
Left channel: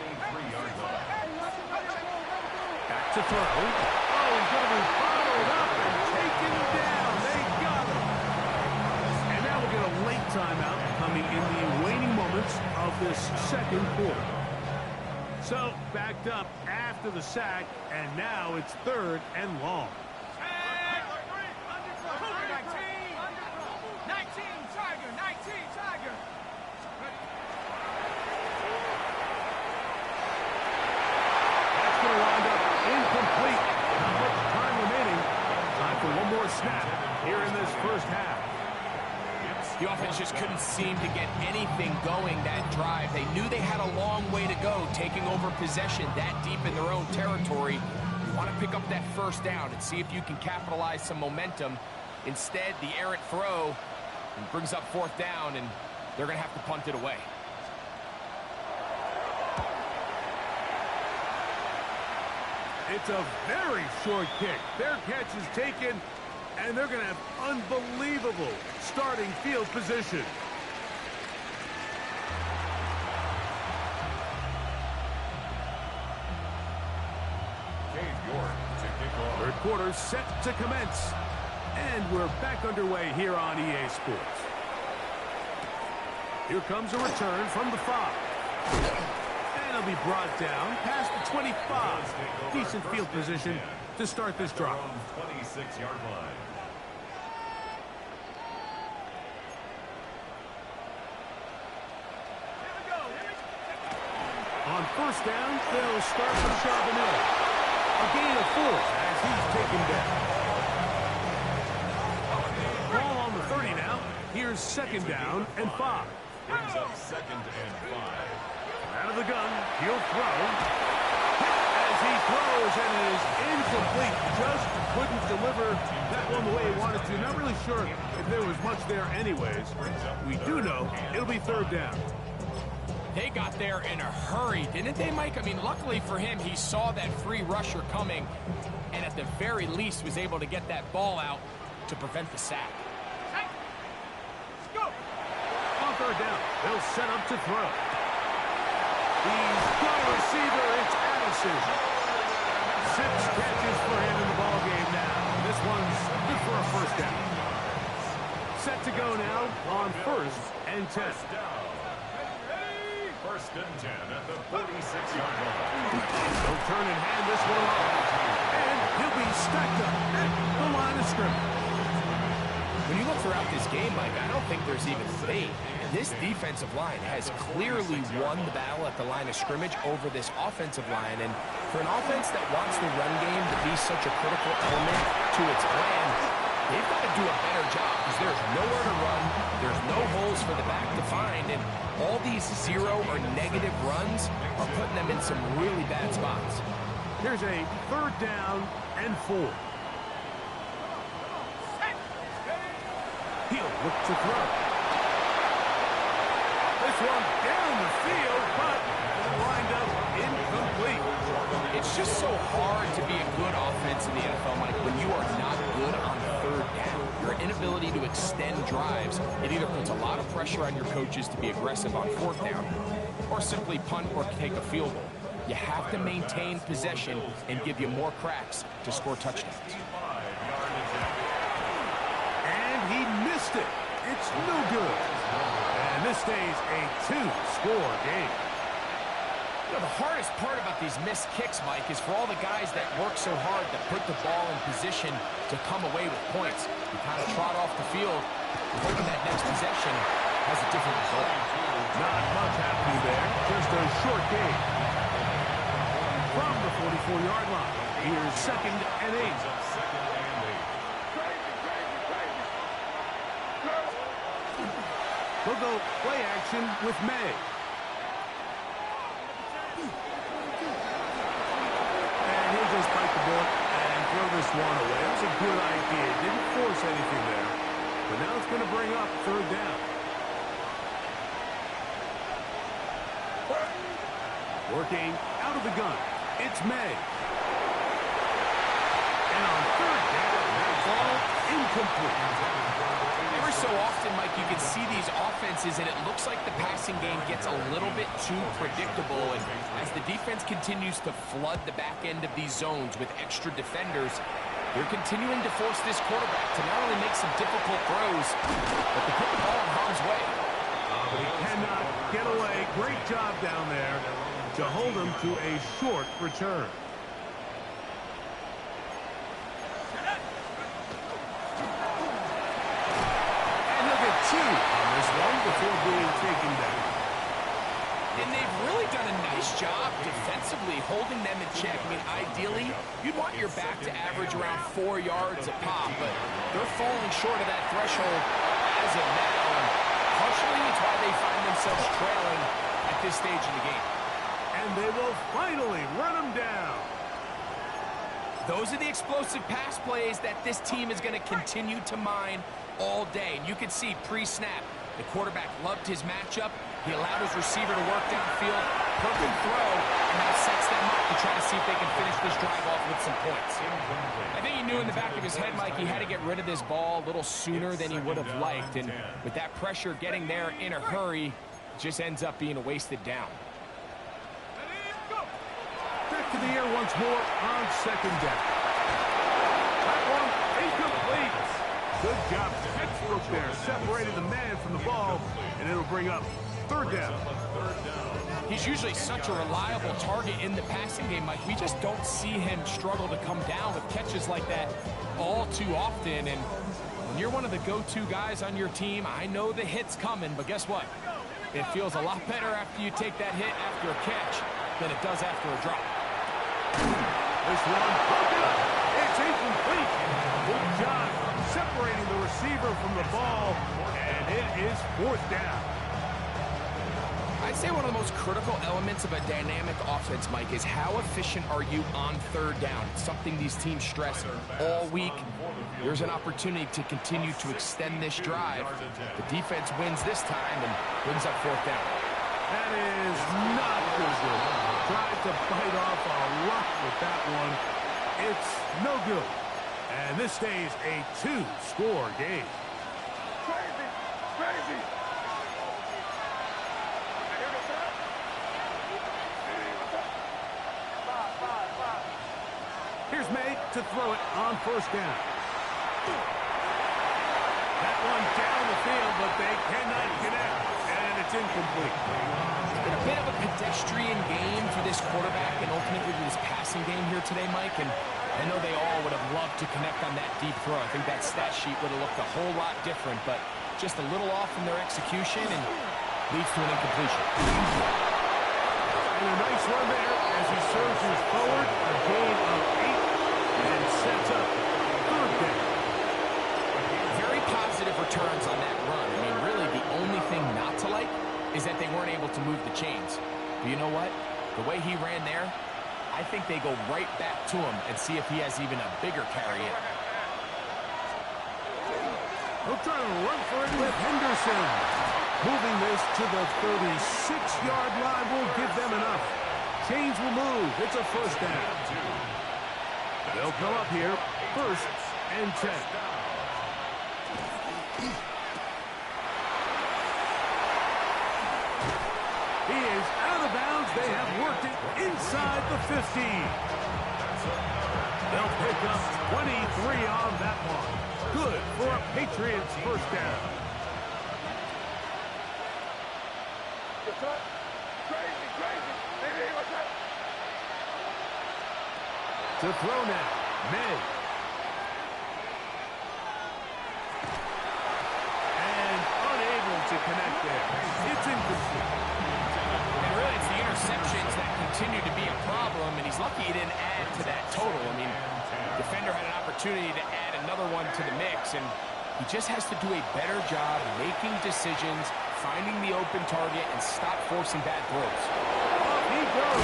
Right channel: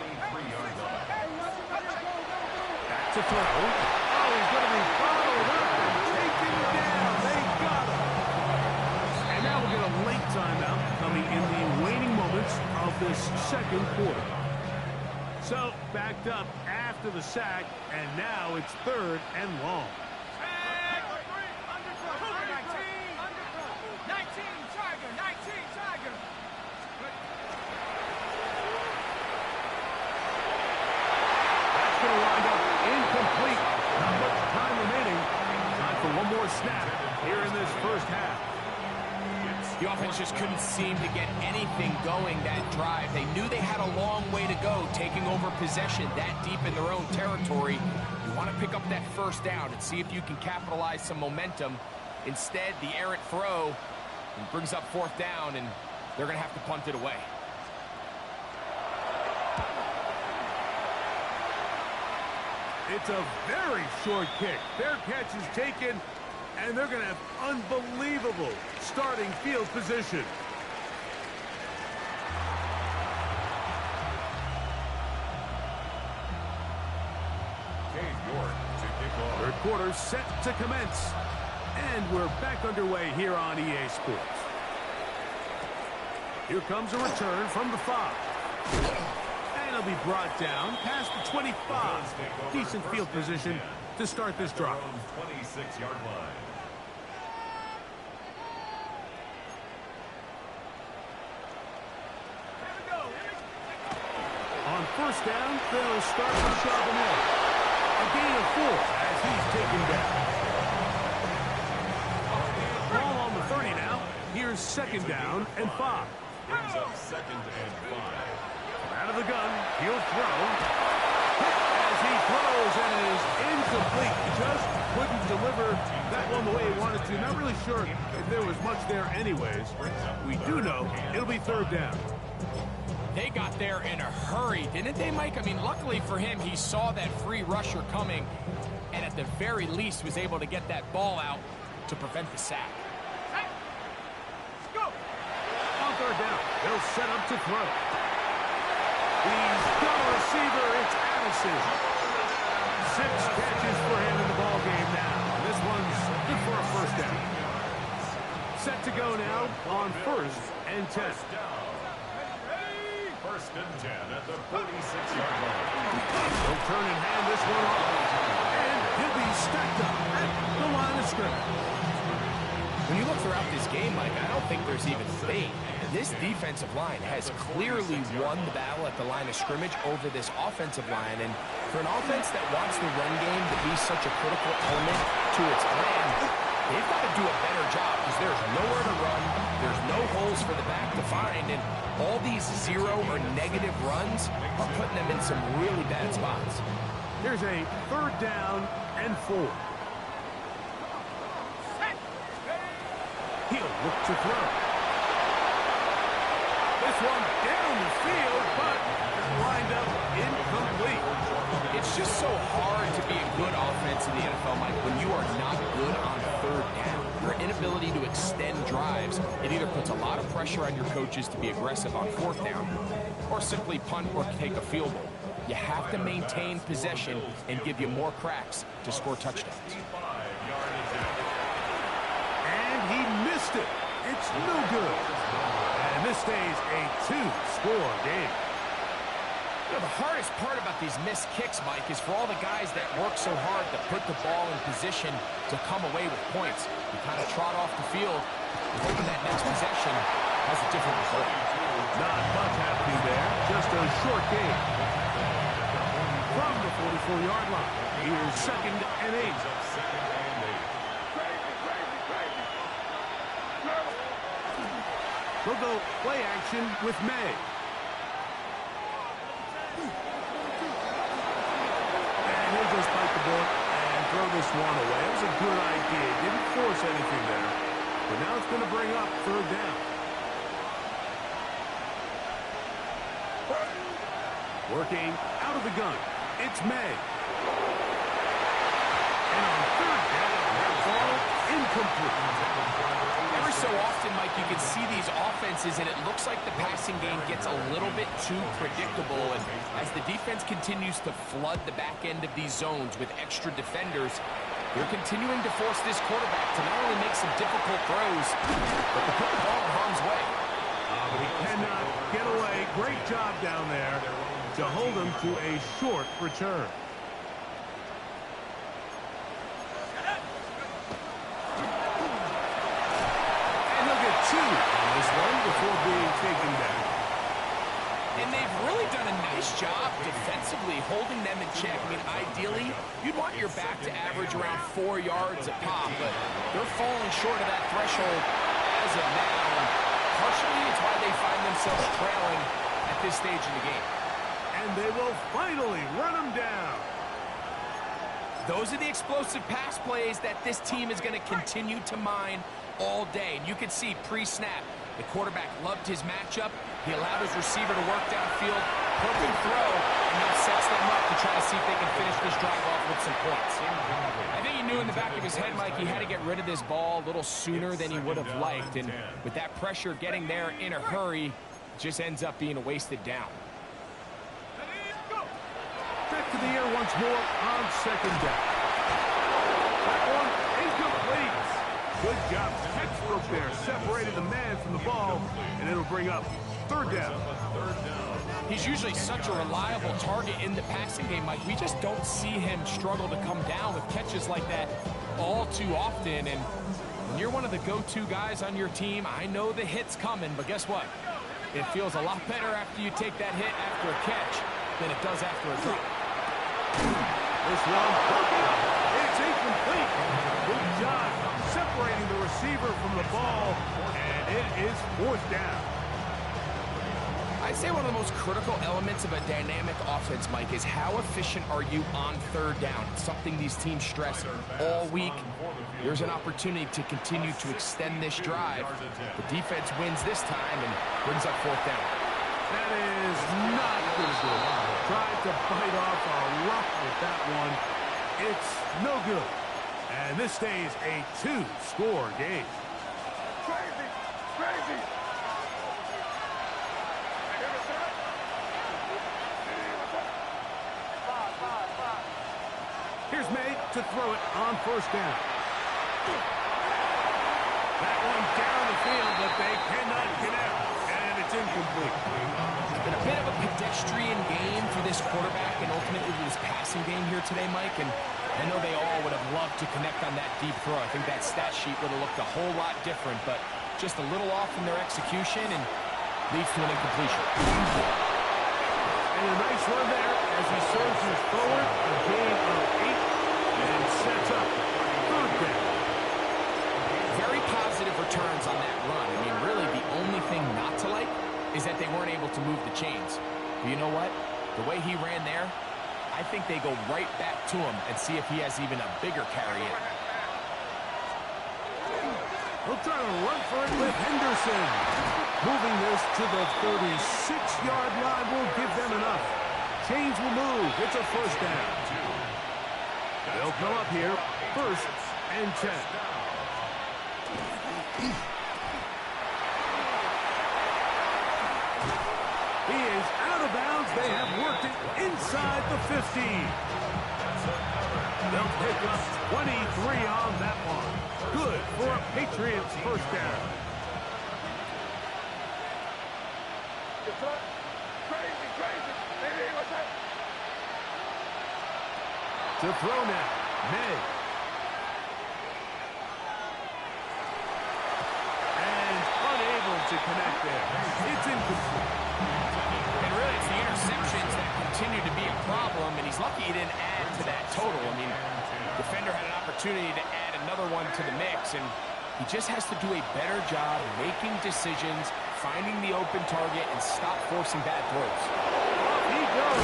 Back to throw. Oh, he's going to be followed up and taken down. They got him. And now we'll get a late timeout coming in the waning moments of this second quarter. So, backed up after the sack, and now it's third and long. 19, Tiger, 19, Tiger. That's going to wind up incomplete. Not much time remaining. Time for one more snap here in this first half. The offense just couldn't seem to get anything going that drive. They knew they had a long way to go, taking over possession that deep in their own territory. You want to pick up that first down and see if you can capitalize some momentum. Instead, the errant throw brings up fourth down, and they're going to have to punt it away. It's a very short kick. Their catch is taken, and they're going to have unbelievable starting field position. Third quarter set to commence. And we're back underway here on EA Sports. Here comes a return from the 5. And it'll be brought down past the 25. Decent field position to start this drive. 26-yard line. On first down, they'll start with Charbonnet. A gain of 4 as he's taken down. Ball on the 30 now. Here's second down and 5. Brings up second and 5. Out of the gun, he'll throw. Hit as he throws, and it is incomplete. Just couldn't deliver that one the way he wanted to. Not really sure if there was much there anyways. We do know it'll be third down. They got there in a hurry, didn't they, Mike? I mean, luckily for him, he saw that free rusher coming, and at the very least was able to get that ball out to prevent the sack. Let's go. On third down, they'll set up to throw. He's got a receiver. It's Addison. 6 catches for him in the ball game now. And this one's good for a first down. Set to go now on first and 10. First and 10 at the 46-yard line. They'll turn and hand this one off. And he'll be stacked up at the line of scrimmage. When you look throughout this game, Mike, I don't think there's even debate. This defensive line has clearly won the battle at the line of scrimmage over this offensive line. And for an offense that wants the run game to be such a critical element to its plan, they've got to do a better job because there's nowhere to run. There's no holes for the back to find. And all these 0 or negative runs are putting them in some really bad spots. Here's a third down and 4. He'll look to throw. This one down the field, but lined up incomplete. It's just so hard to be a good offense in the NFL, Mike, when you are not good on third down. Your inability to extend drives, it either puts a lot of pressure on your coaches to be aggressive on fourth down or simply punt or take a field goal. You have to maintain possession and give you more cracks to score touchdowns. And he missed it. It's no good. And this stays a two-score game. You know, the hardest part about these missed kicks, Mike, is for all the guys that work so hard to put the ball in position to come away with points. You kind of trot off the field, hoping that next possession has a different result. Not much happening there, just a short game. From the 44-yard line, here's 2nd and 8. They'll go play action with May. And he'll just bite the bullet and throw this one away. That was a good idea. Didn't force anything there. But now it's going to bring up 3rd down. Working out of the gun. It's May. And on 3rd down, that ball incomplete. Every so often, Mike, you can see these offenses, and it looks like the passing game gets a little bit too predictable. And as the defense continues to flood the back end of these zones with extra defenders, they're continuing to force this quarterback to not only make some difficult throws, but to put the ball in harm's way. But he cannot get away. Great job down there to hold him to a short return. And he'll get 2 on this one before being taken down. And they've really done a nice job defensively holding them in check. I mean, ideally, you'd want your back to average around 4 yards a pop, but they're falling short of that threshold as of now. And partially, it's why they find themselves trailing at this stage in the game. And they will finally run him down. Those are the explosive pass plays that this team is going to continue to mine all day. And you can see pre-snap, the quarterback loved his matchup. He allowed his receiver to work downfield, perfect throw, and now sets them up to try to see if they can finish this drive off with some points. I think he knew in the back of his head, Mike, he had to get rid of this ball a little sooner than he would have liked. And with that pressure getting there in a hurry, it just ends up being a wasted down. Back to the air once more on 2nd down. That one incomplete. Good job. Textbook there. Separated the man from the ball, and it'll bring up 3rd down. He's usually such a reliable target in the passing game, Mike. We just don't see him struggle to come down with catches like that all too often. And when you're one of the go-to guys on your team, I know the hit's coming, but guess what? It feels a lot better after you take that hit after a catch than it does after a drop. This one broken up. It's incomplete. Good job separating the receiver from the ball, and it is 4th down. I'd say one of the most critical elements of a dynamic offense, Mike, is how efficient are you on 3rd down. It's something these teams stress all week. There's an opportunity to continue to extend this drive. The defense wins this time and brings up 4th down. That is not good. Tried to bite off a rock with that one. It's no good. And this stays a 2-score game. Crazy! Crazy! Here's May to throw it on 1st down. That one down the field, but they cannot connect, and it's incomplete. It's been a bit of a pedestrian game for this quarterback and ultimately this passing game here today, Mike, and I know they all would have loved to connect on that deep throw. I think that stat sheet would have looked a whole lot different, but just a little off in their execution and leads to an incompletion. And a nice run there as he surges forward, a gain of 8, and sets up 3rd down. Very positive returns on that run. I mean, really, the only thing not to like is that they weren't able to move the chains. But you know what? The way he ran there, I think they go right back to him and see if he has even a bigger carry in. He'll try to run for it with Henderson. Moving this to the 36-yard line will give them enough. Chains will move. It's a first down. They'll come up here, 1st and 10. He is out of bounds. They have worked it inside the 15. They'll pick up 23 on that one. Good for a Patriots first down. Crazy. Hey, what's that? To throw now, May. And unable to connect there. It's incomplete. And really, it's the interceptions that continue to be a problem, and he's lucky he didn't add to that total. I mean, defender had an opportunity to add another one to the mix, and he just has to do a better job making decisions, finding the open target, and stop forcing bad throws. Off he goes.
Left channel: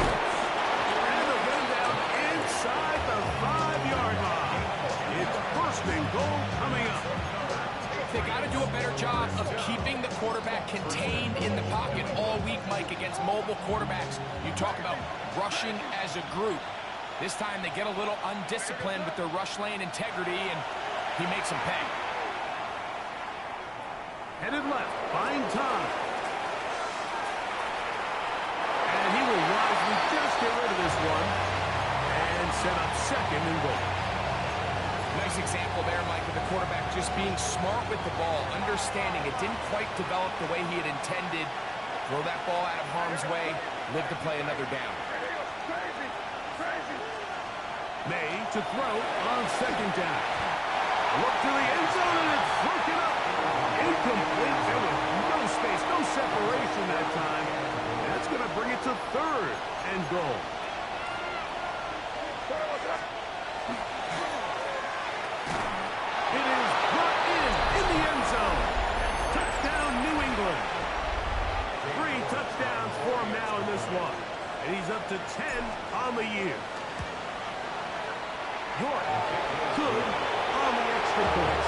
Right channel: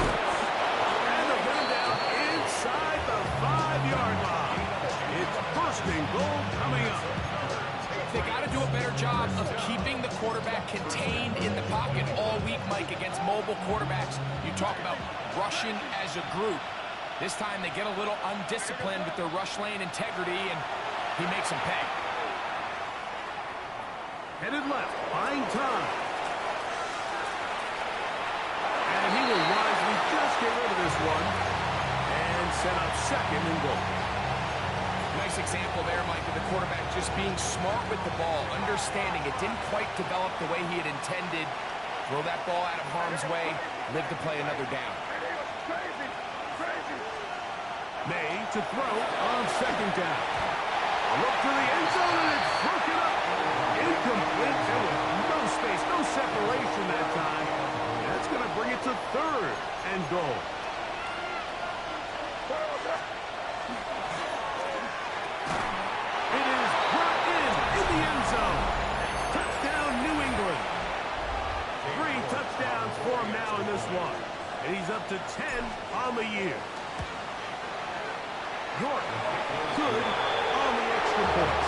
And they'll get him down inside the 5-yard line. It's 1st and goal coming up. They got to do a better job of keeping the quarterback contained in the pocket all week, Mike, against mobile quarterbacks. You talk about rushing as a group. This time they get a little undisciplined with their rush lane integrity, and he makes them pay. Headed left, buying time. And he will wisely just get rid of this one and set up 2nd and goal. Nice example there, Mike, of the quarterback just being smart with the ball, understanding it didn't quite develop the way he had intended. Throw that ball out of harm's way, live to play another down. Crazy. May to throw on 2nd down. A look to the end zone, and it's broken up. Incomplete. There was no space, no separation that time. That's going to bring it to 3rd and goal. It is brought in the end zone. Touchdown, New England. 3 touchdowns for him now in this one. And he's up to 10 on the year. York, good on the extra point.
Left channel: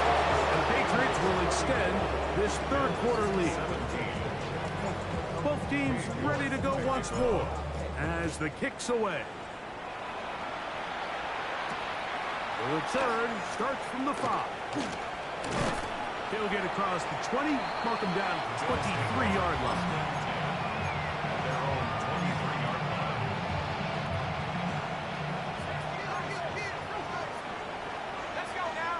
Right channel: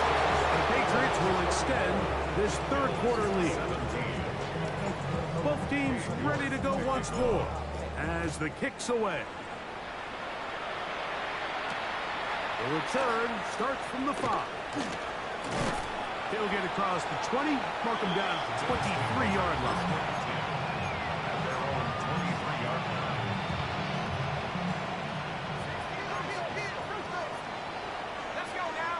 The Patriots will extend this 3rd quarter lead. Both teams ready to go once more as the kick's away. The return starts from the 5. He'll get across the 20, mark him down at the 23-yard line. At their own 23-yard line. Let's go now.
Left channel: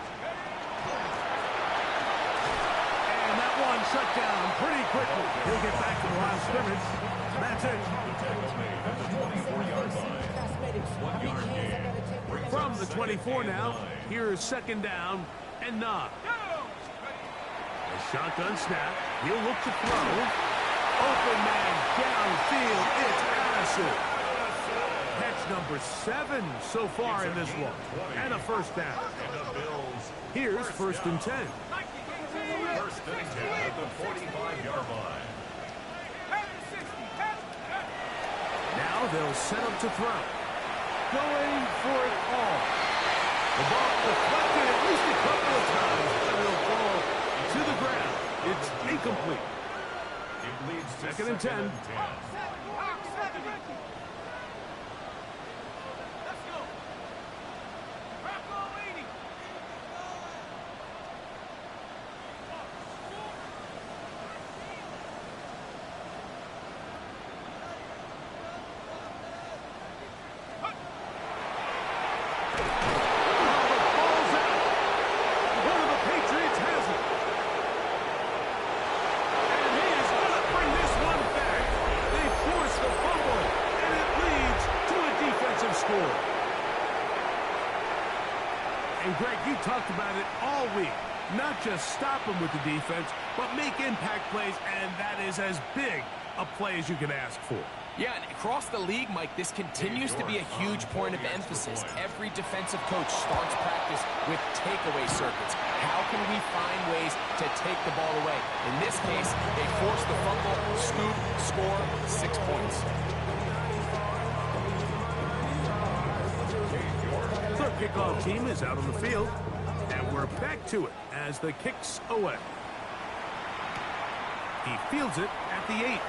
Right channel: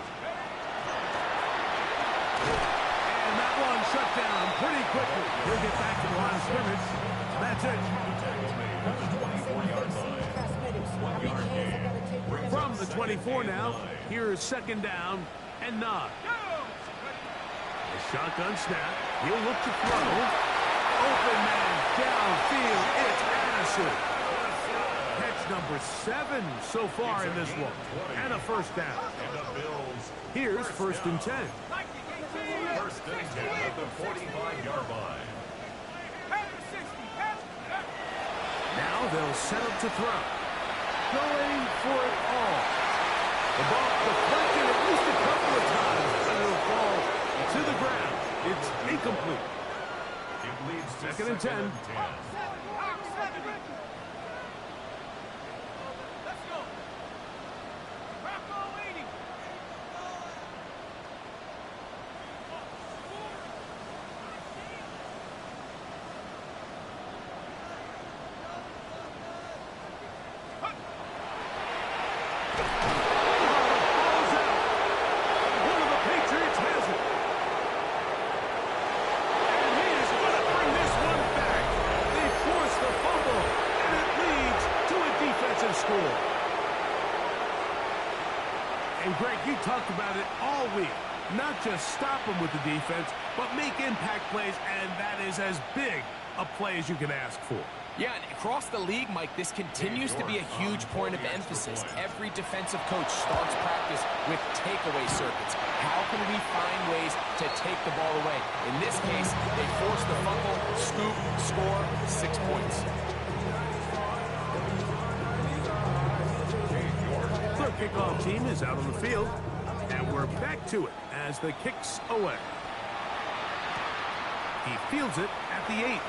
And that one shut down pretty quickly. He'll get back to the line of scrimmage. That's it. Tackle made at the 24-yard line. 1-yard gain. From the 24 now, here's 2nd down and 9. A shotgun snap. He'll look to throw. Open man downfield. It's Addison. Catch number 7 so far in this one. And a 1st down. And the Bills. Here's 1st and 10. 1st and 10 at the 45-yard line. Now they'll set up to throw. Going for it all. The ball deflected at least a couple of times, and it'll fall to the ground. It's incomplete. It leads to 2nd and 10. Let's go. Rocco leading. Score. And Greg, you talked about it all week. Not just stop them with the defense, but make impact plays, and that is as big a play as you can ask for. Yeah, and across the league, Mike, this continues to be a huge point of emphasis. Every defensive coach starts practice with takeaway circuits. How can we find ways to take the ball away? In this case, they force the fumble, scoop, score, 6 points. Their kickoff team is out on the field. And we're back to it as the kick's away. He fields it at the 8.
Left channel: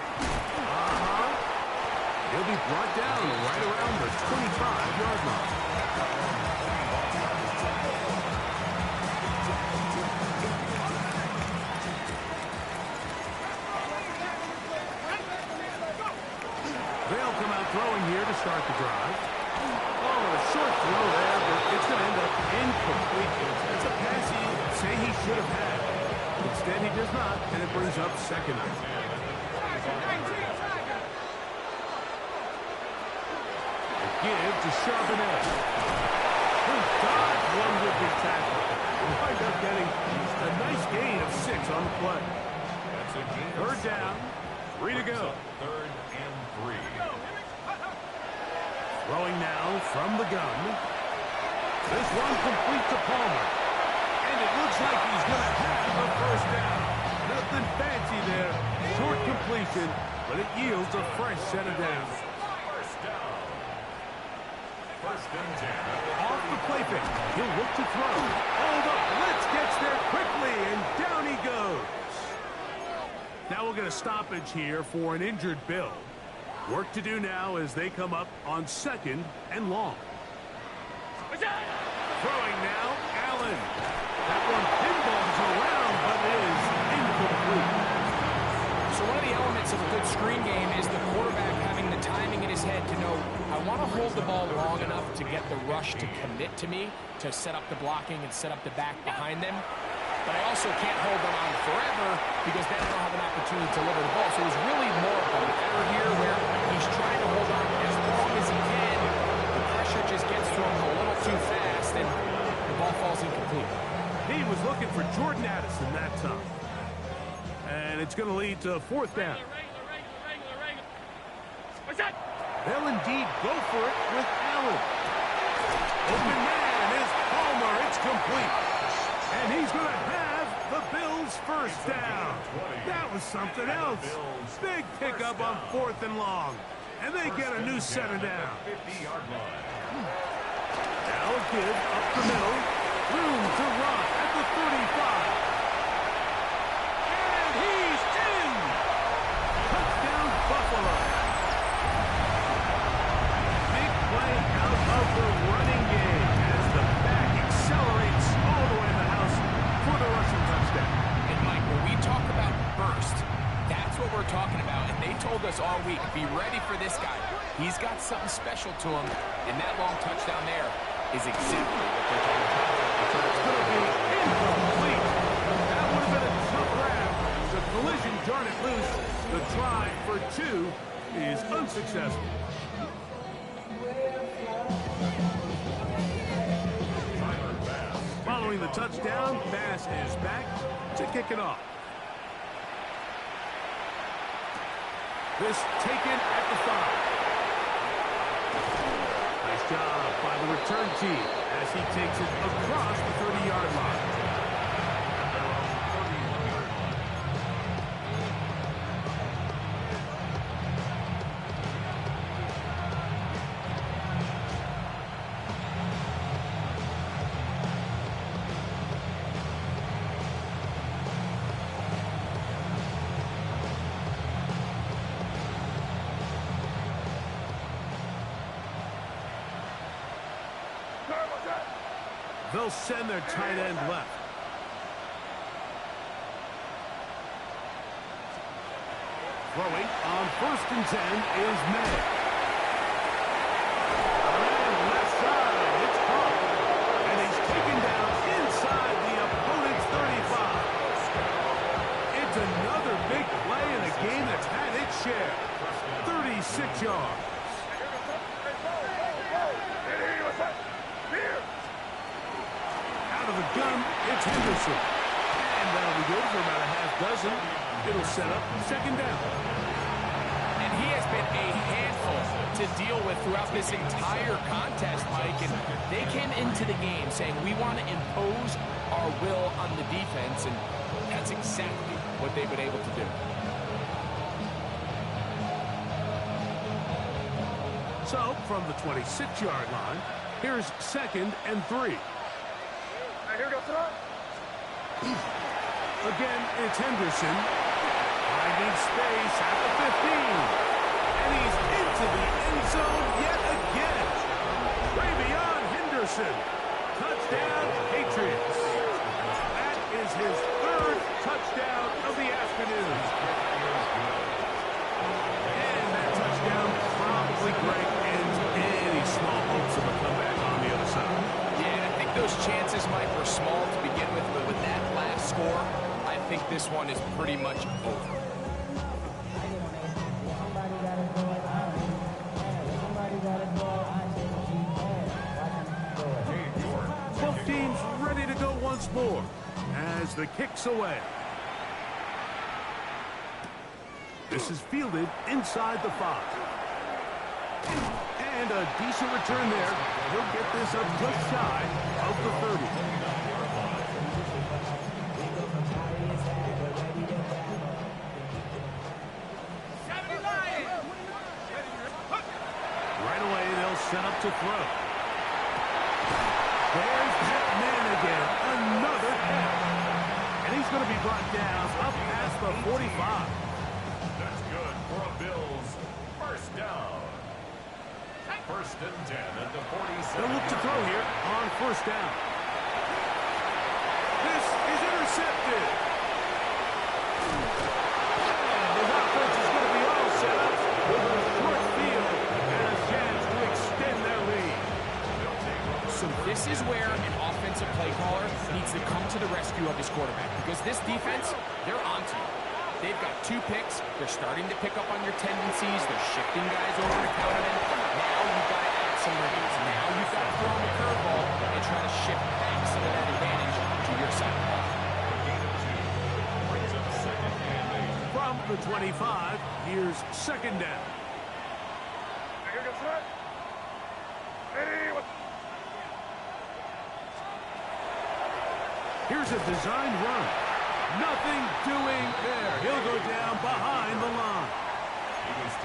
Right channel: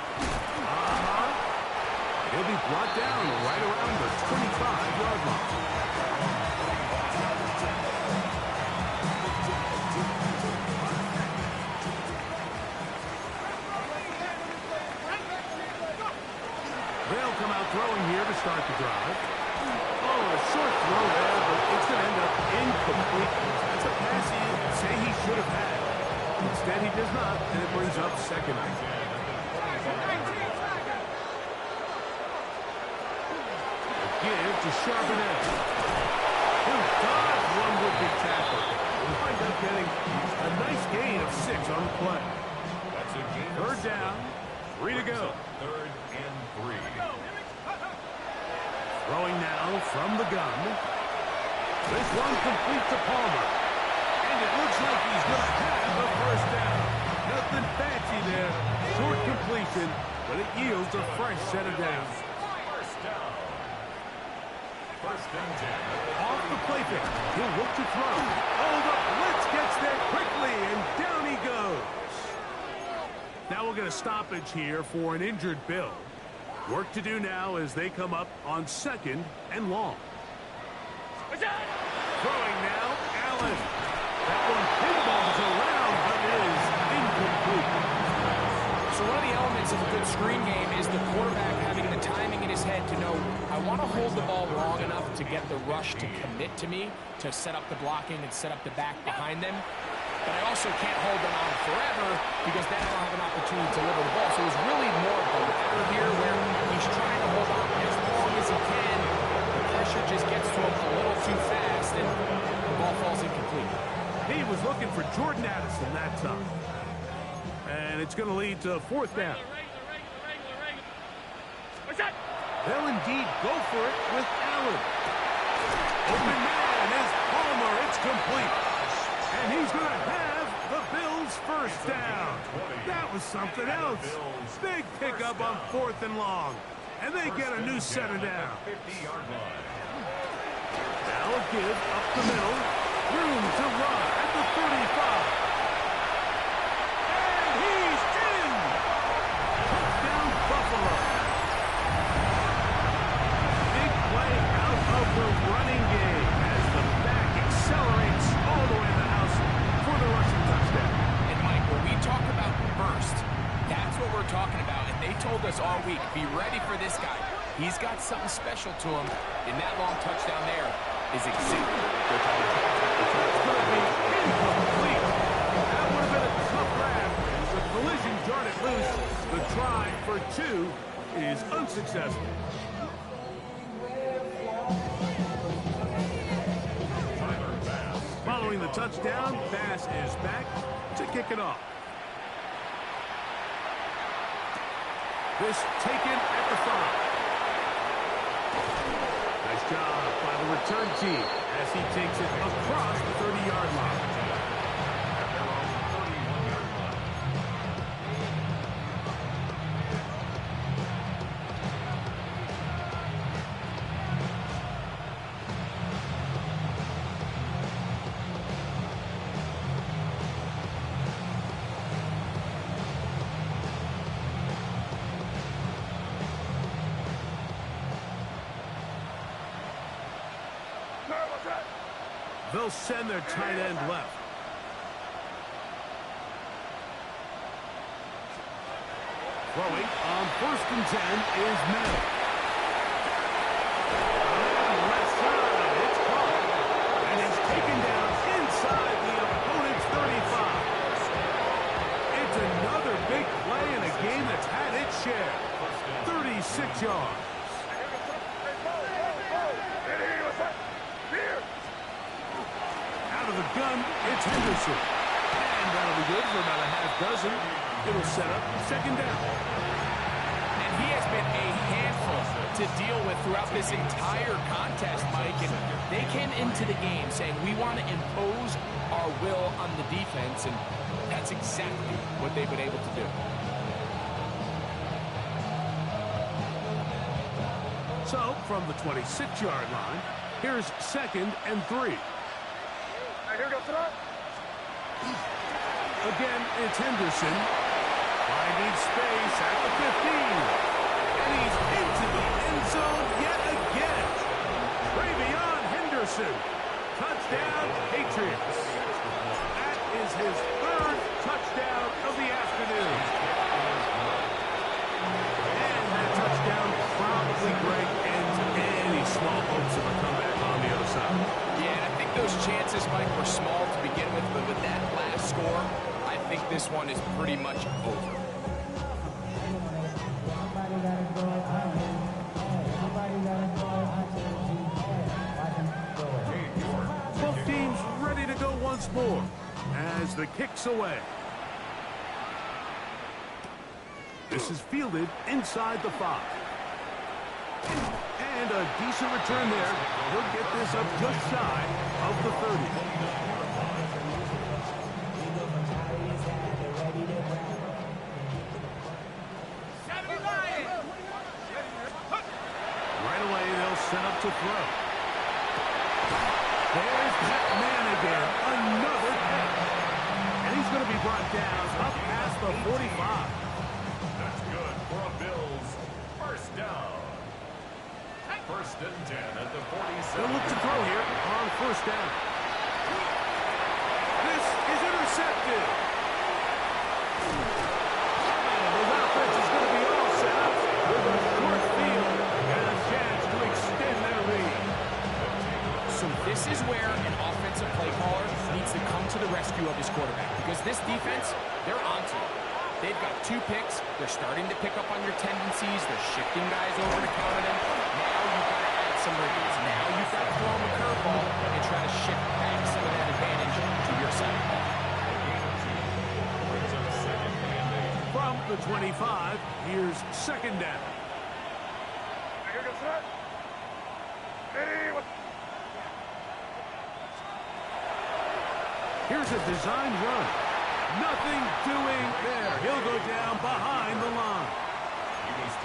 He'll be brought down right around the 25-yard line. They'll come out throwing here to start the drive. Oh, a short throw there, but it's going to end up incomplete. That's a pass he'd say he should have had. Instead, he does not, and it brings up second. Give to Charbonnet. He'll dodge one would-be tackle. He'll wind up getting a nice gain of 6 on the play. That's a gain of 3rd down, 3 to go. 3rd and 3. Throwing now from the gun. This one complete to Palmer. And it looks like he's going to have a 1st down. Nothing fancy there. Short completion, but it yields a fresh set of downs. 1st down. 1st and 10. Off the play fake. He'll look to throw. Oh, the blitz gets there quickly, and down he goes. Now we'll get a stoppage here for an injured Bill. Work to do now as they come up on 2nd and long. Throwing now, Allen. That one pinballs around, but is incomplete. So one of the elements of a good screen game is the quarterback having the timing in his head to know, I want to hold the ball long enough to get the rush to commit to me, to set up the blocking and set up the back behind them. But I also can't hold them on forever because then I don't have an opportunity to deliver the ball. So it was really more of the latter here where he's trying to hold on as long as he can. The pressure just gets to him a little too fast and the ball falls incomplete. He was looking for Jordan Addison that time. And it's going to lead to 4th down. They'll indeed go for it with Allen. Open man is Palmer. It's complete. And he's going to have the Bills' 1st down. That was something else. Big pickup on 4th and long. And they get a new set of down. Now a give up the middle. Room to run at the 35. And he's in. Touchdown, Buffalo. Big play out of the running game as the back accelerates all the way to the house for the rushing touchdown. And Mike, when we talk about burst, that's what we're talking about. And they told us all week, be ready for this guy. He's got something special to him. And that long touchdown there is exactly what they're talking about. It's going to be incomplete. That would have been a tough grab. The collision jarred it loose. The try for 2 is unsuccessful. Following the touchdown, Bass is back to kick it off. This taken at the 5. Nice job by the return team as he takes it across the 30-yard line. At their own 31-yard line. They'll send their tight end left. Throwing on 1st and 10 is May. And left side, it's caught. And he's taken down inside the opponent's 35. It's another big play in a game that's had its share. 36 yards. Out of the gun, it's Henderson. And that'll be good for about a half dozen. It'll set up 2nd down. And he has been a handful to deal with throughout this entire contest, Mike. And they came into the game saying, we want to impose our will on the defense. And that's exactly what they've been able to do. So, from the 26-yard line, here's 2nd and 3. Here goes it. Again, it's Henderson. Finding space at the 15. And he's into the end zone yet again. Travion Henderson. Touchdown, Patriots. That is his third touchdown of the afternoon. And that touchdown probably, Greg, ends any small hopes of a comeback on the other side. Yeah, and I think those chances, Mike, were small to begin with, but with that last score, I think this one is pretty much over. Both teams ready to go once more as the kick's away. This is fielded inside the 5. And a decent return there. He'll get this up just shy of the 30. Right away, they'll set up to throw. There's that man again. Another catch. And he's going to be brought down up past the 45. That's good for a Bills first down. First and 10 at the 47. They'll look to throw here on first down. This is intercepted. And his offense is going to be all set up with a short field and a chance to extend their lead. So this is where an offensive play caller needs to come to the rescue of his quarterback, because this defense, they're onto you. They've got 2 picks. They're starting to pick up on your tendencies. They're shifting guys over to counter them. Now you've got to add some release. Now you've got to throw them a curveball and try to shift back some of that advantage to your side of the ball. Brings up second and 8. From the 25, here's second down. Here goes it. Hey, what? Here's a design run. Nothing doing there. He'll go down behind the line.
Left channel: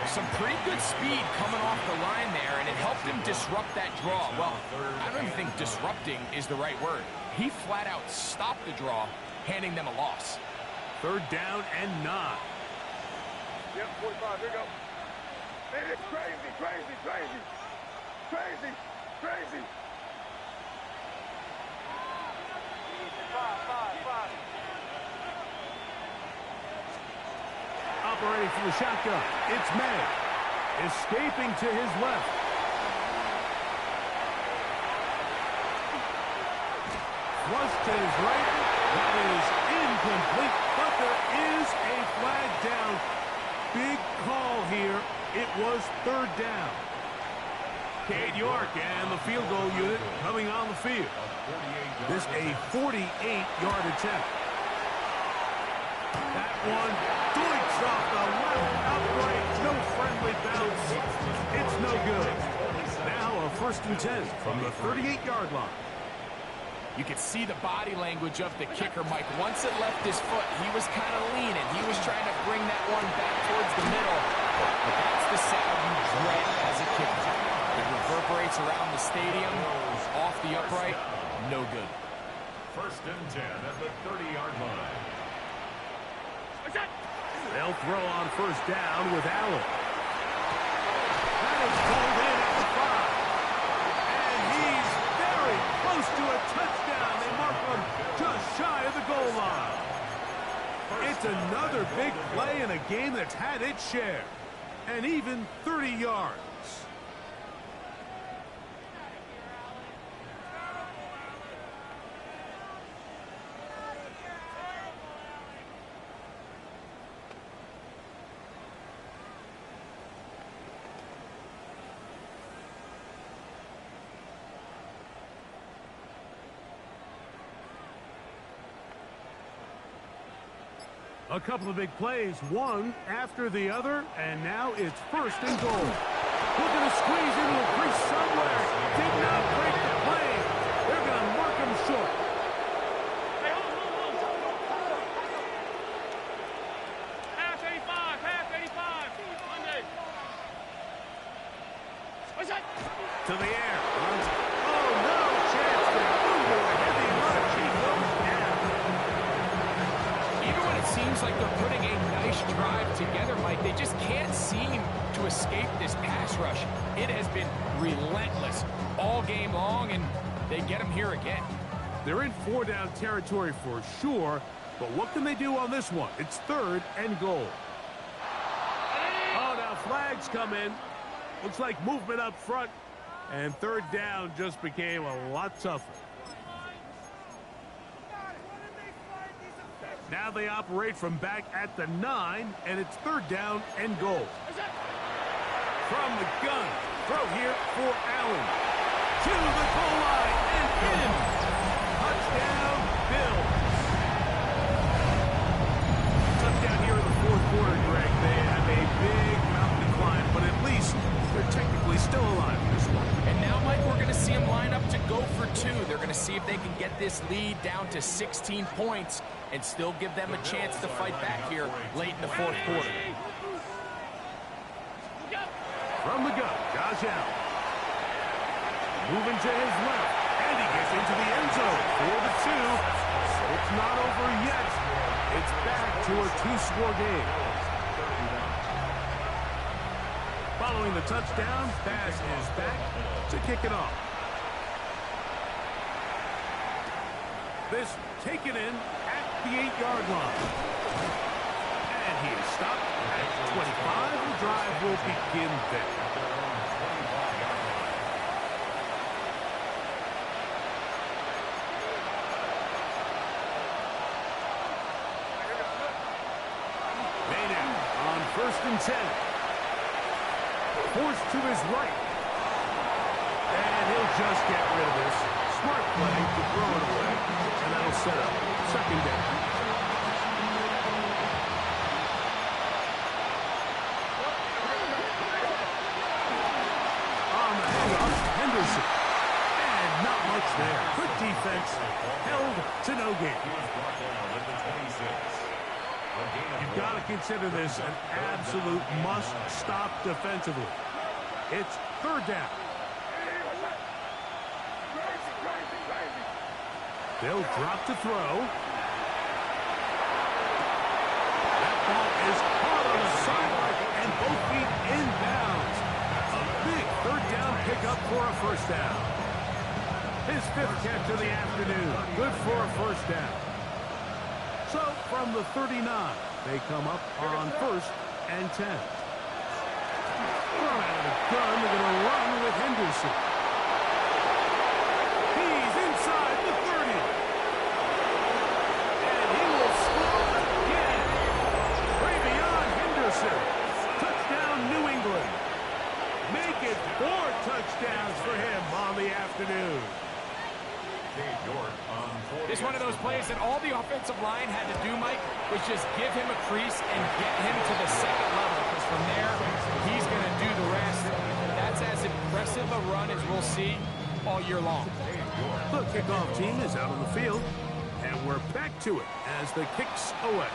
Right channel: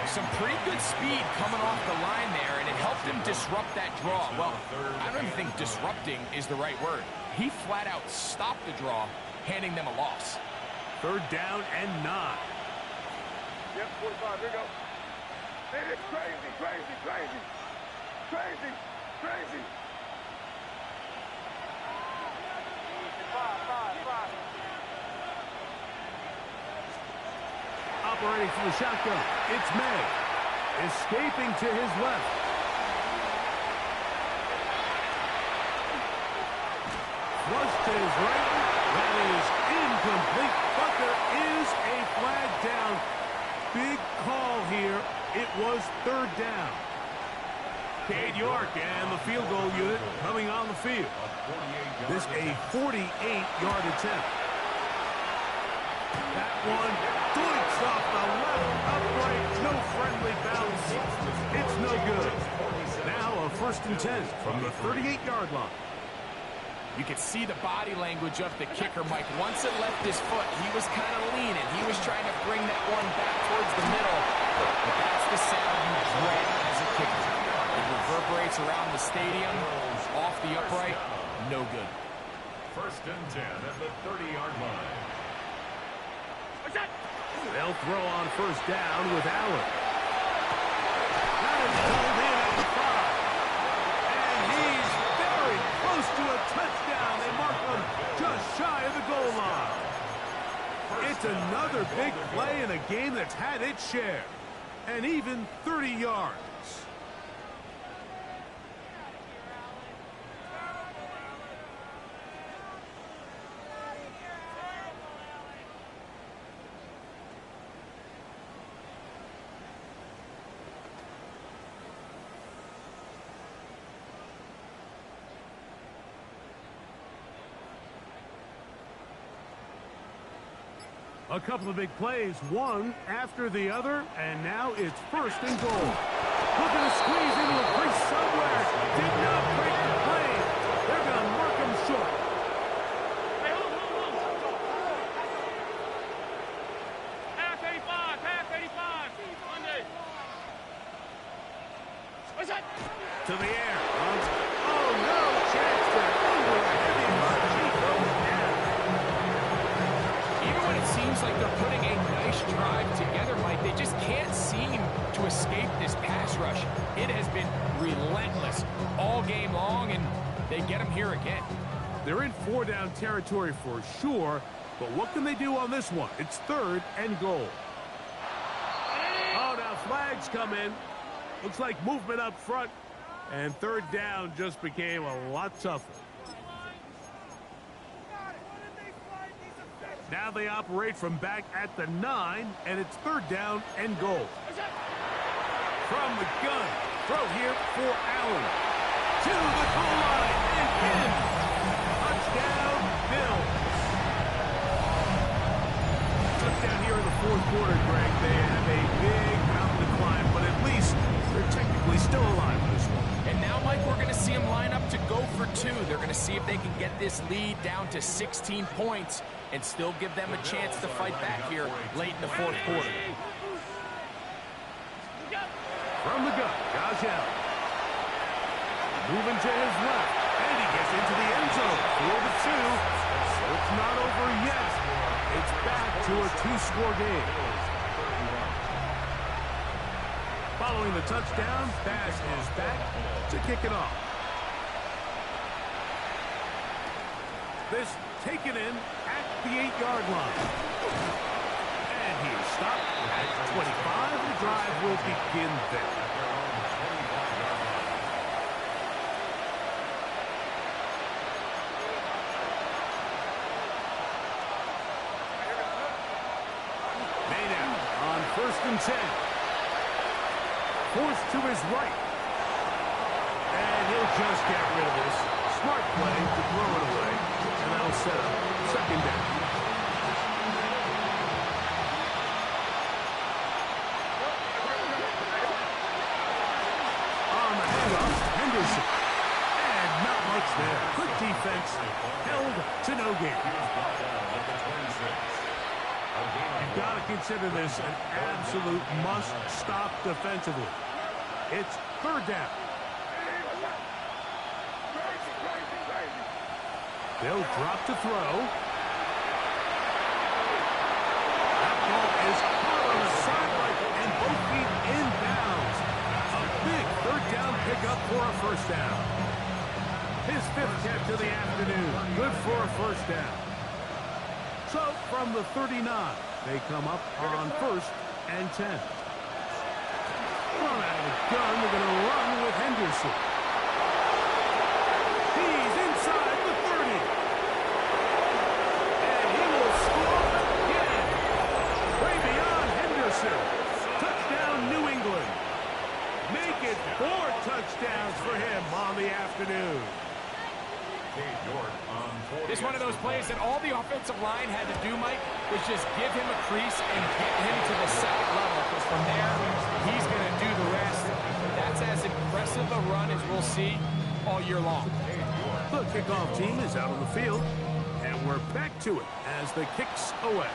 Some pretty good speed coming off the line there, and it helped him disrupt that draw. Well, I don't even think disrupting is the right word. He flat out stopped the draw, handing them a loss. Third down and 9. Yep, 45. Here we go. Man, it's crazy, crazy, crazy. Crazy, crazy. 5. Operating from the shotgun, it's May. Escaping to his left. Flush to his right. That is incomplete, but there is a flag down. Big call here. It was third down. Cade York and the field goal unit coming on the field. This a 48-yard attempt. That one doinks off the left upright. No friendly bounce. It's no good. Now a first and 10 from the 38-yard line. You could see the body language of the kicker, Mike. Once it left his foot, he was kind of leaning. He was trying to bring that one back towards the middle. But that's the sound you dread as a kicker. It reverberates around the stadium, off the upright, no good. First and 10 at the 30-yard line. They'll throw on first down with Allen. That is pulled in at the 5. And he's very close to a touchdown. They mark him just shy of the goal line. It's another big play in a game that's had its share. And even 30 yards. A couple of big plays, one after the other, and now it's first and goal. Looking to squeeze into a crease somewhere. Did not break the play. They're going to mark him short. Hey, hold. Half 85. Monday. What's that? To the air. Oh, no chance there. Under a heavy rush. He even when it seems like they're putting a nice drive together, Mike, they just can't seem to escape this pass rush. It has been relentless all game long, and they get them here again. They're in 4-down territory for sure, but what can they do on this one? It's 3rd and goal. Oh, now flags come in. Looks like movement up front, and 3rd down just became a lot tougher. Now they operate from back at the 9, and it's 3rd down and goal. From the gun, throw here for Allen. To the goal line and in. Touchdown, Bills. Touchdown here in the 4th quarter, Greg. They have a big mountain to climb, but at least they're technically still alive in this one. And now, Mike, we're going to see them line up to go for 2. They're going to see if they can get this lead down to 16 points and still give them a chance to fight back here late in the 4th quarter. From the gun, Josh Allen. Moving to his left, and he gets into the end zone for the 2. So it's not over yet. It's back to a 2-score game. Following the touchdown, pass is back to kick it off. This taken in at the 8-yard line. And he is stopped at 25. The drive will begin there. At their own 25-yard line. Maynard on 1st and 10. Forced to his right. And he'll just get rid of this. Smart play to throw it away. And that'll set up 2nd down. On the handoff, Henderson. And not much there. Quick defense. Held to no gain. He was brought down at the 26. You've got to consider this an absolute must-stop defensively. It's 3rd down. They'll drop to throw. That ball is caught on the sideline and both feet inbounds. A big 3rd down pickup for a 1st down. His 5th catch of the afternoon. Good for a 1st down. So from the 39, they come up on 1st and 10. From out of the gun, they're going to run with Henderson. He's inside the 30. And he will score again. Ravion Henderson. Touchdown, New England. Make it 4 touchdowns for him on the afternoon. It's one of those plays that all the offensive line had to do, Mike, was just give him a crease and get him to the 2nd level, because from there, he's going to do the rest. That's as impressive a run as we'll see all year long. The kickoff team is out on the field, and we're back to it as the kicks away.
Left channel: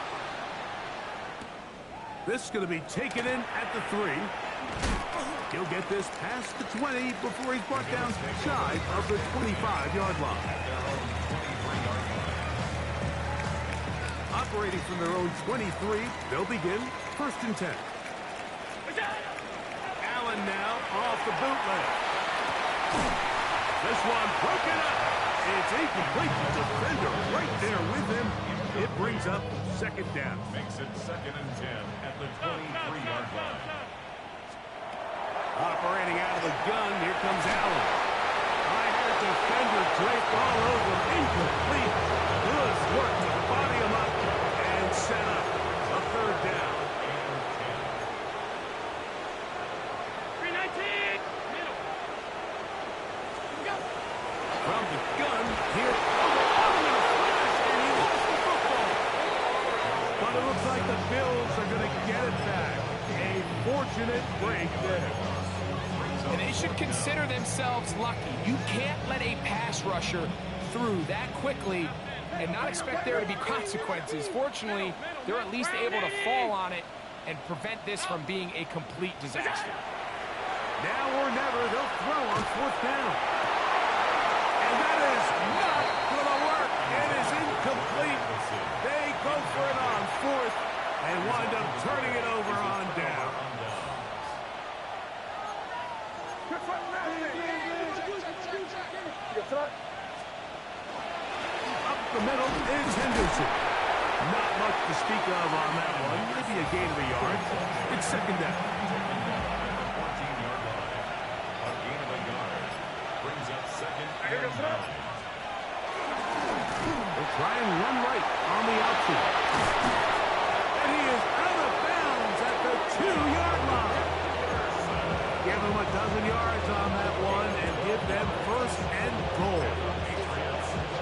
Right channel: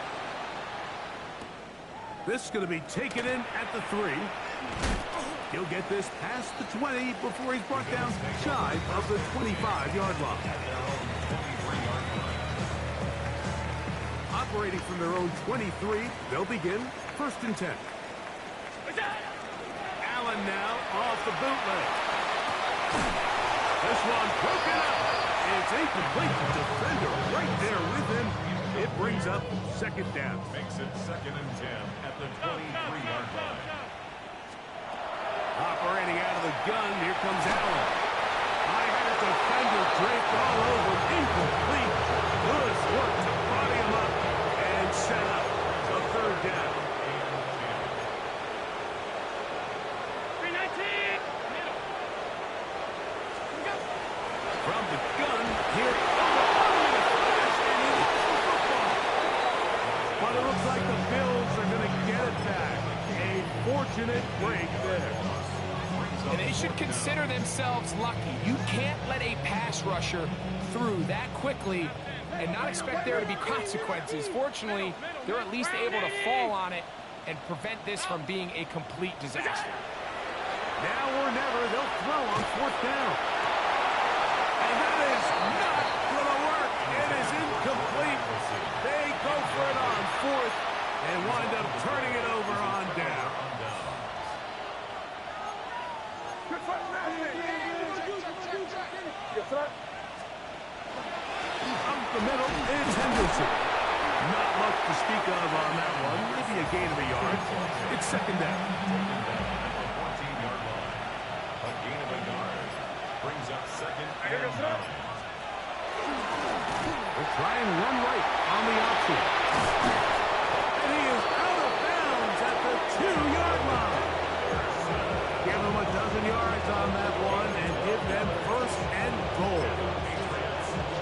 This is going to be taken in at the 3. He'll get this past the 20 before he's brought down shy of the 25-yard line. At their own 23-yard line. Operating from their own 23, they'll begin 1st and 10. Allen now off the bootleg. This one broken up. It's incomplete. The defender right there with him. It brings up 2nd down. Makes it 2nd and 10 at the 23-yard line. Operating out of the gun, here comes Allen. High-headed defender draped all over him. Incomplete. Good work to body him up and set up a 3rd down. And 319. Middle. Go. From the gun, here. Oh, in a flash, and he lost the football. But it looks like the Bills are going to get it back. A fortunate break there. And they should consider themselves lucky. You can't let a pass rusher through that quickly and not expect there to be consequences. Fortunately, they're at least able to fall on it and prevent this from being a complete disaster. Now or never, they'll throw on 4th down. And that is not going to work. It is incomplete. They go for it on fourth and wind up turning it over on down. Good front, Up the middle is Henderson. Not much to speak of on that one. Maybe a gain of a yard. It's second down. Second down at the 14-yard line. A gain of a yard brings up second and 9. They'll try and run right on the outfield. And he is out of bounds at the 2-yard line. Give them a dozen yards on that one and give them first and goal.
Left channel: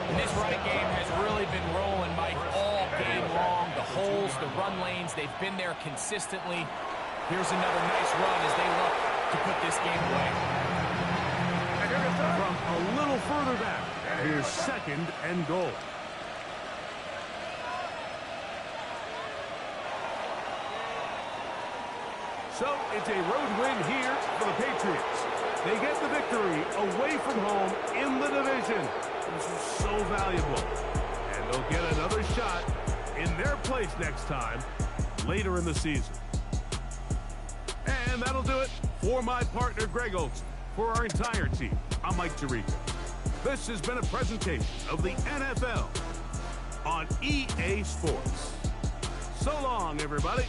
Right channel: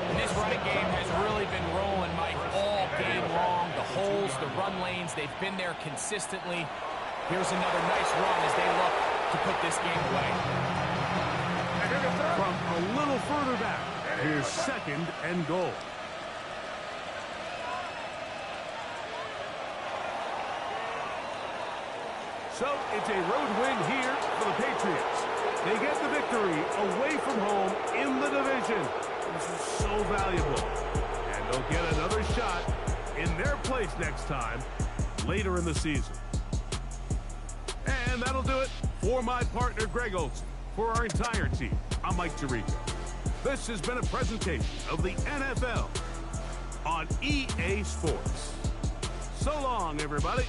And this running game has really been rolling, Mike, all game long. The holes, the run lanes, they've been there consistently. Here's another nice run as they look to put this game away. From a little further back, here's second and goal. So it's a road win here for the Patriots. They get the victory away from home in the division. This is so valuable. And they'll get another shot in their place next time later in the season. And that'll do it for my partner, Greg Olson. For our entire team, I'm Mike Tirico. This has been a presentation of the NFL on EA Sports. So long, everybody.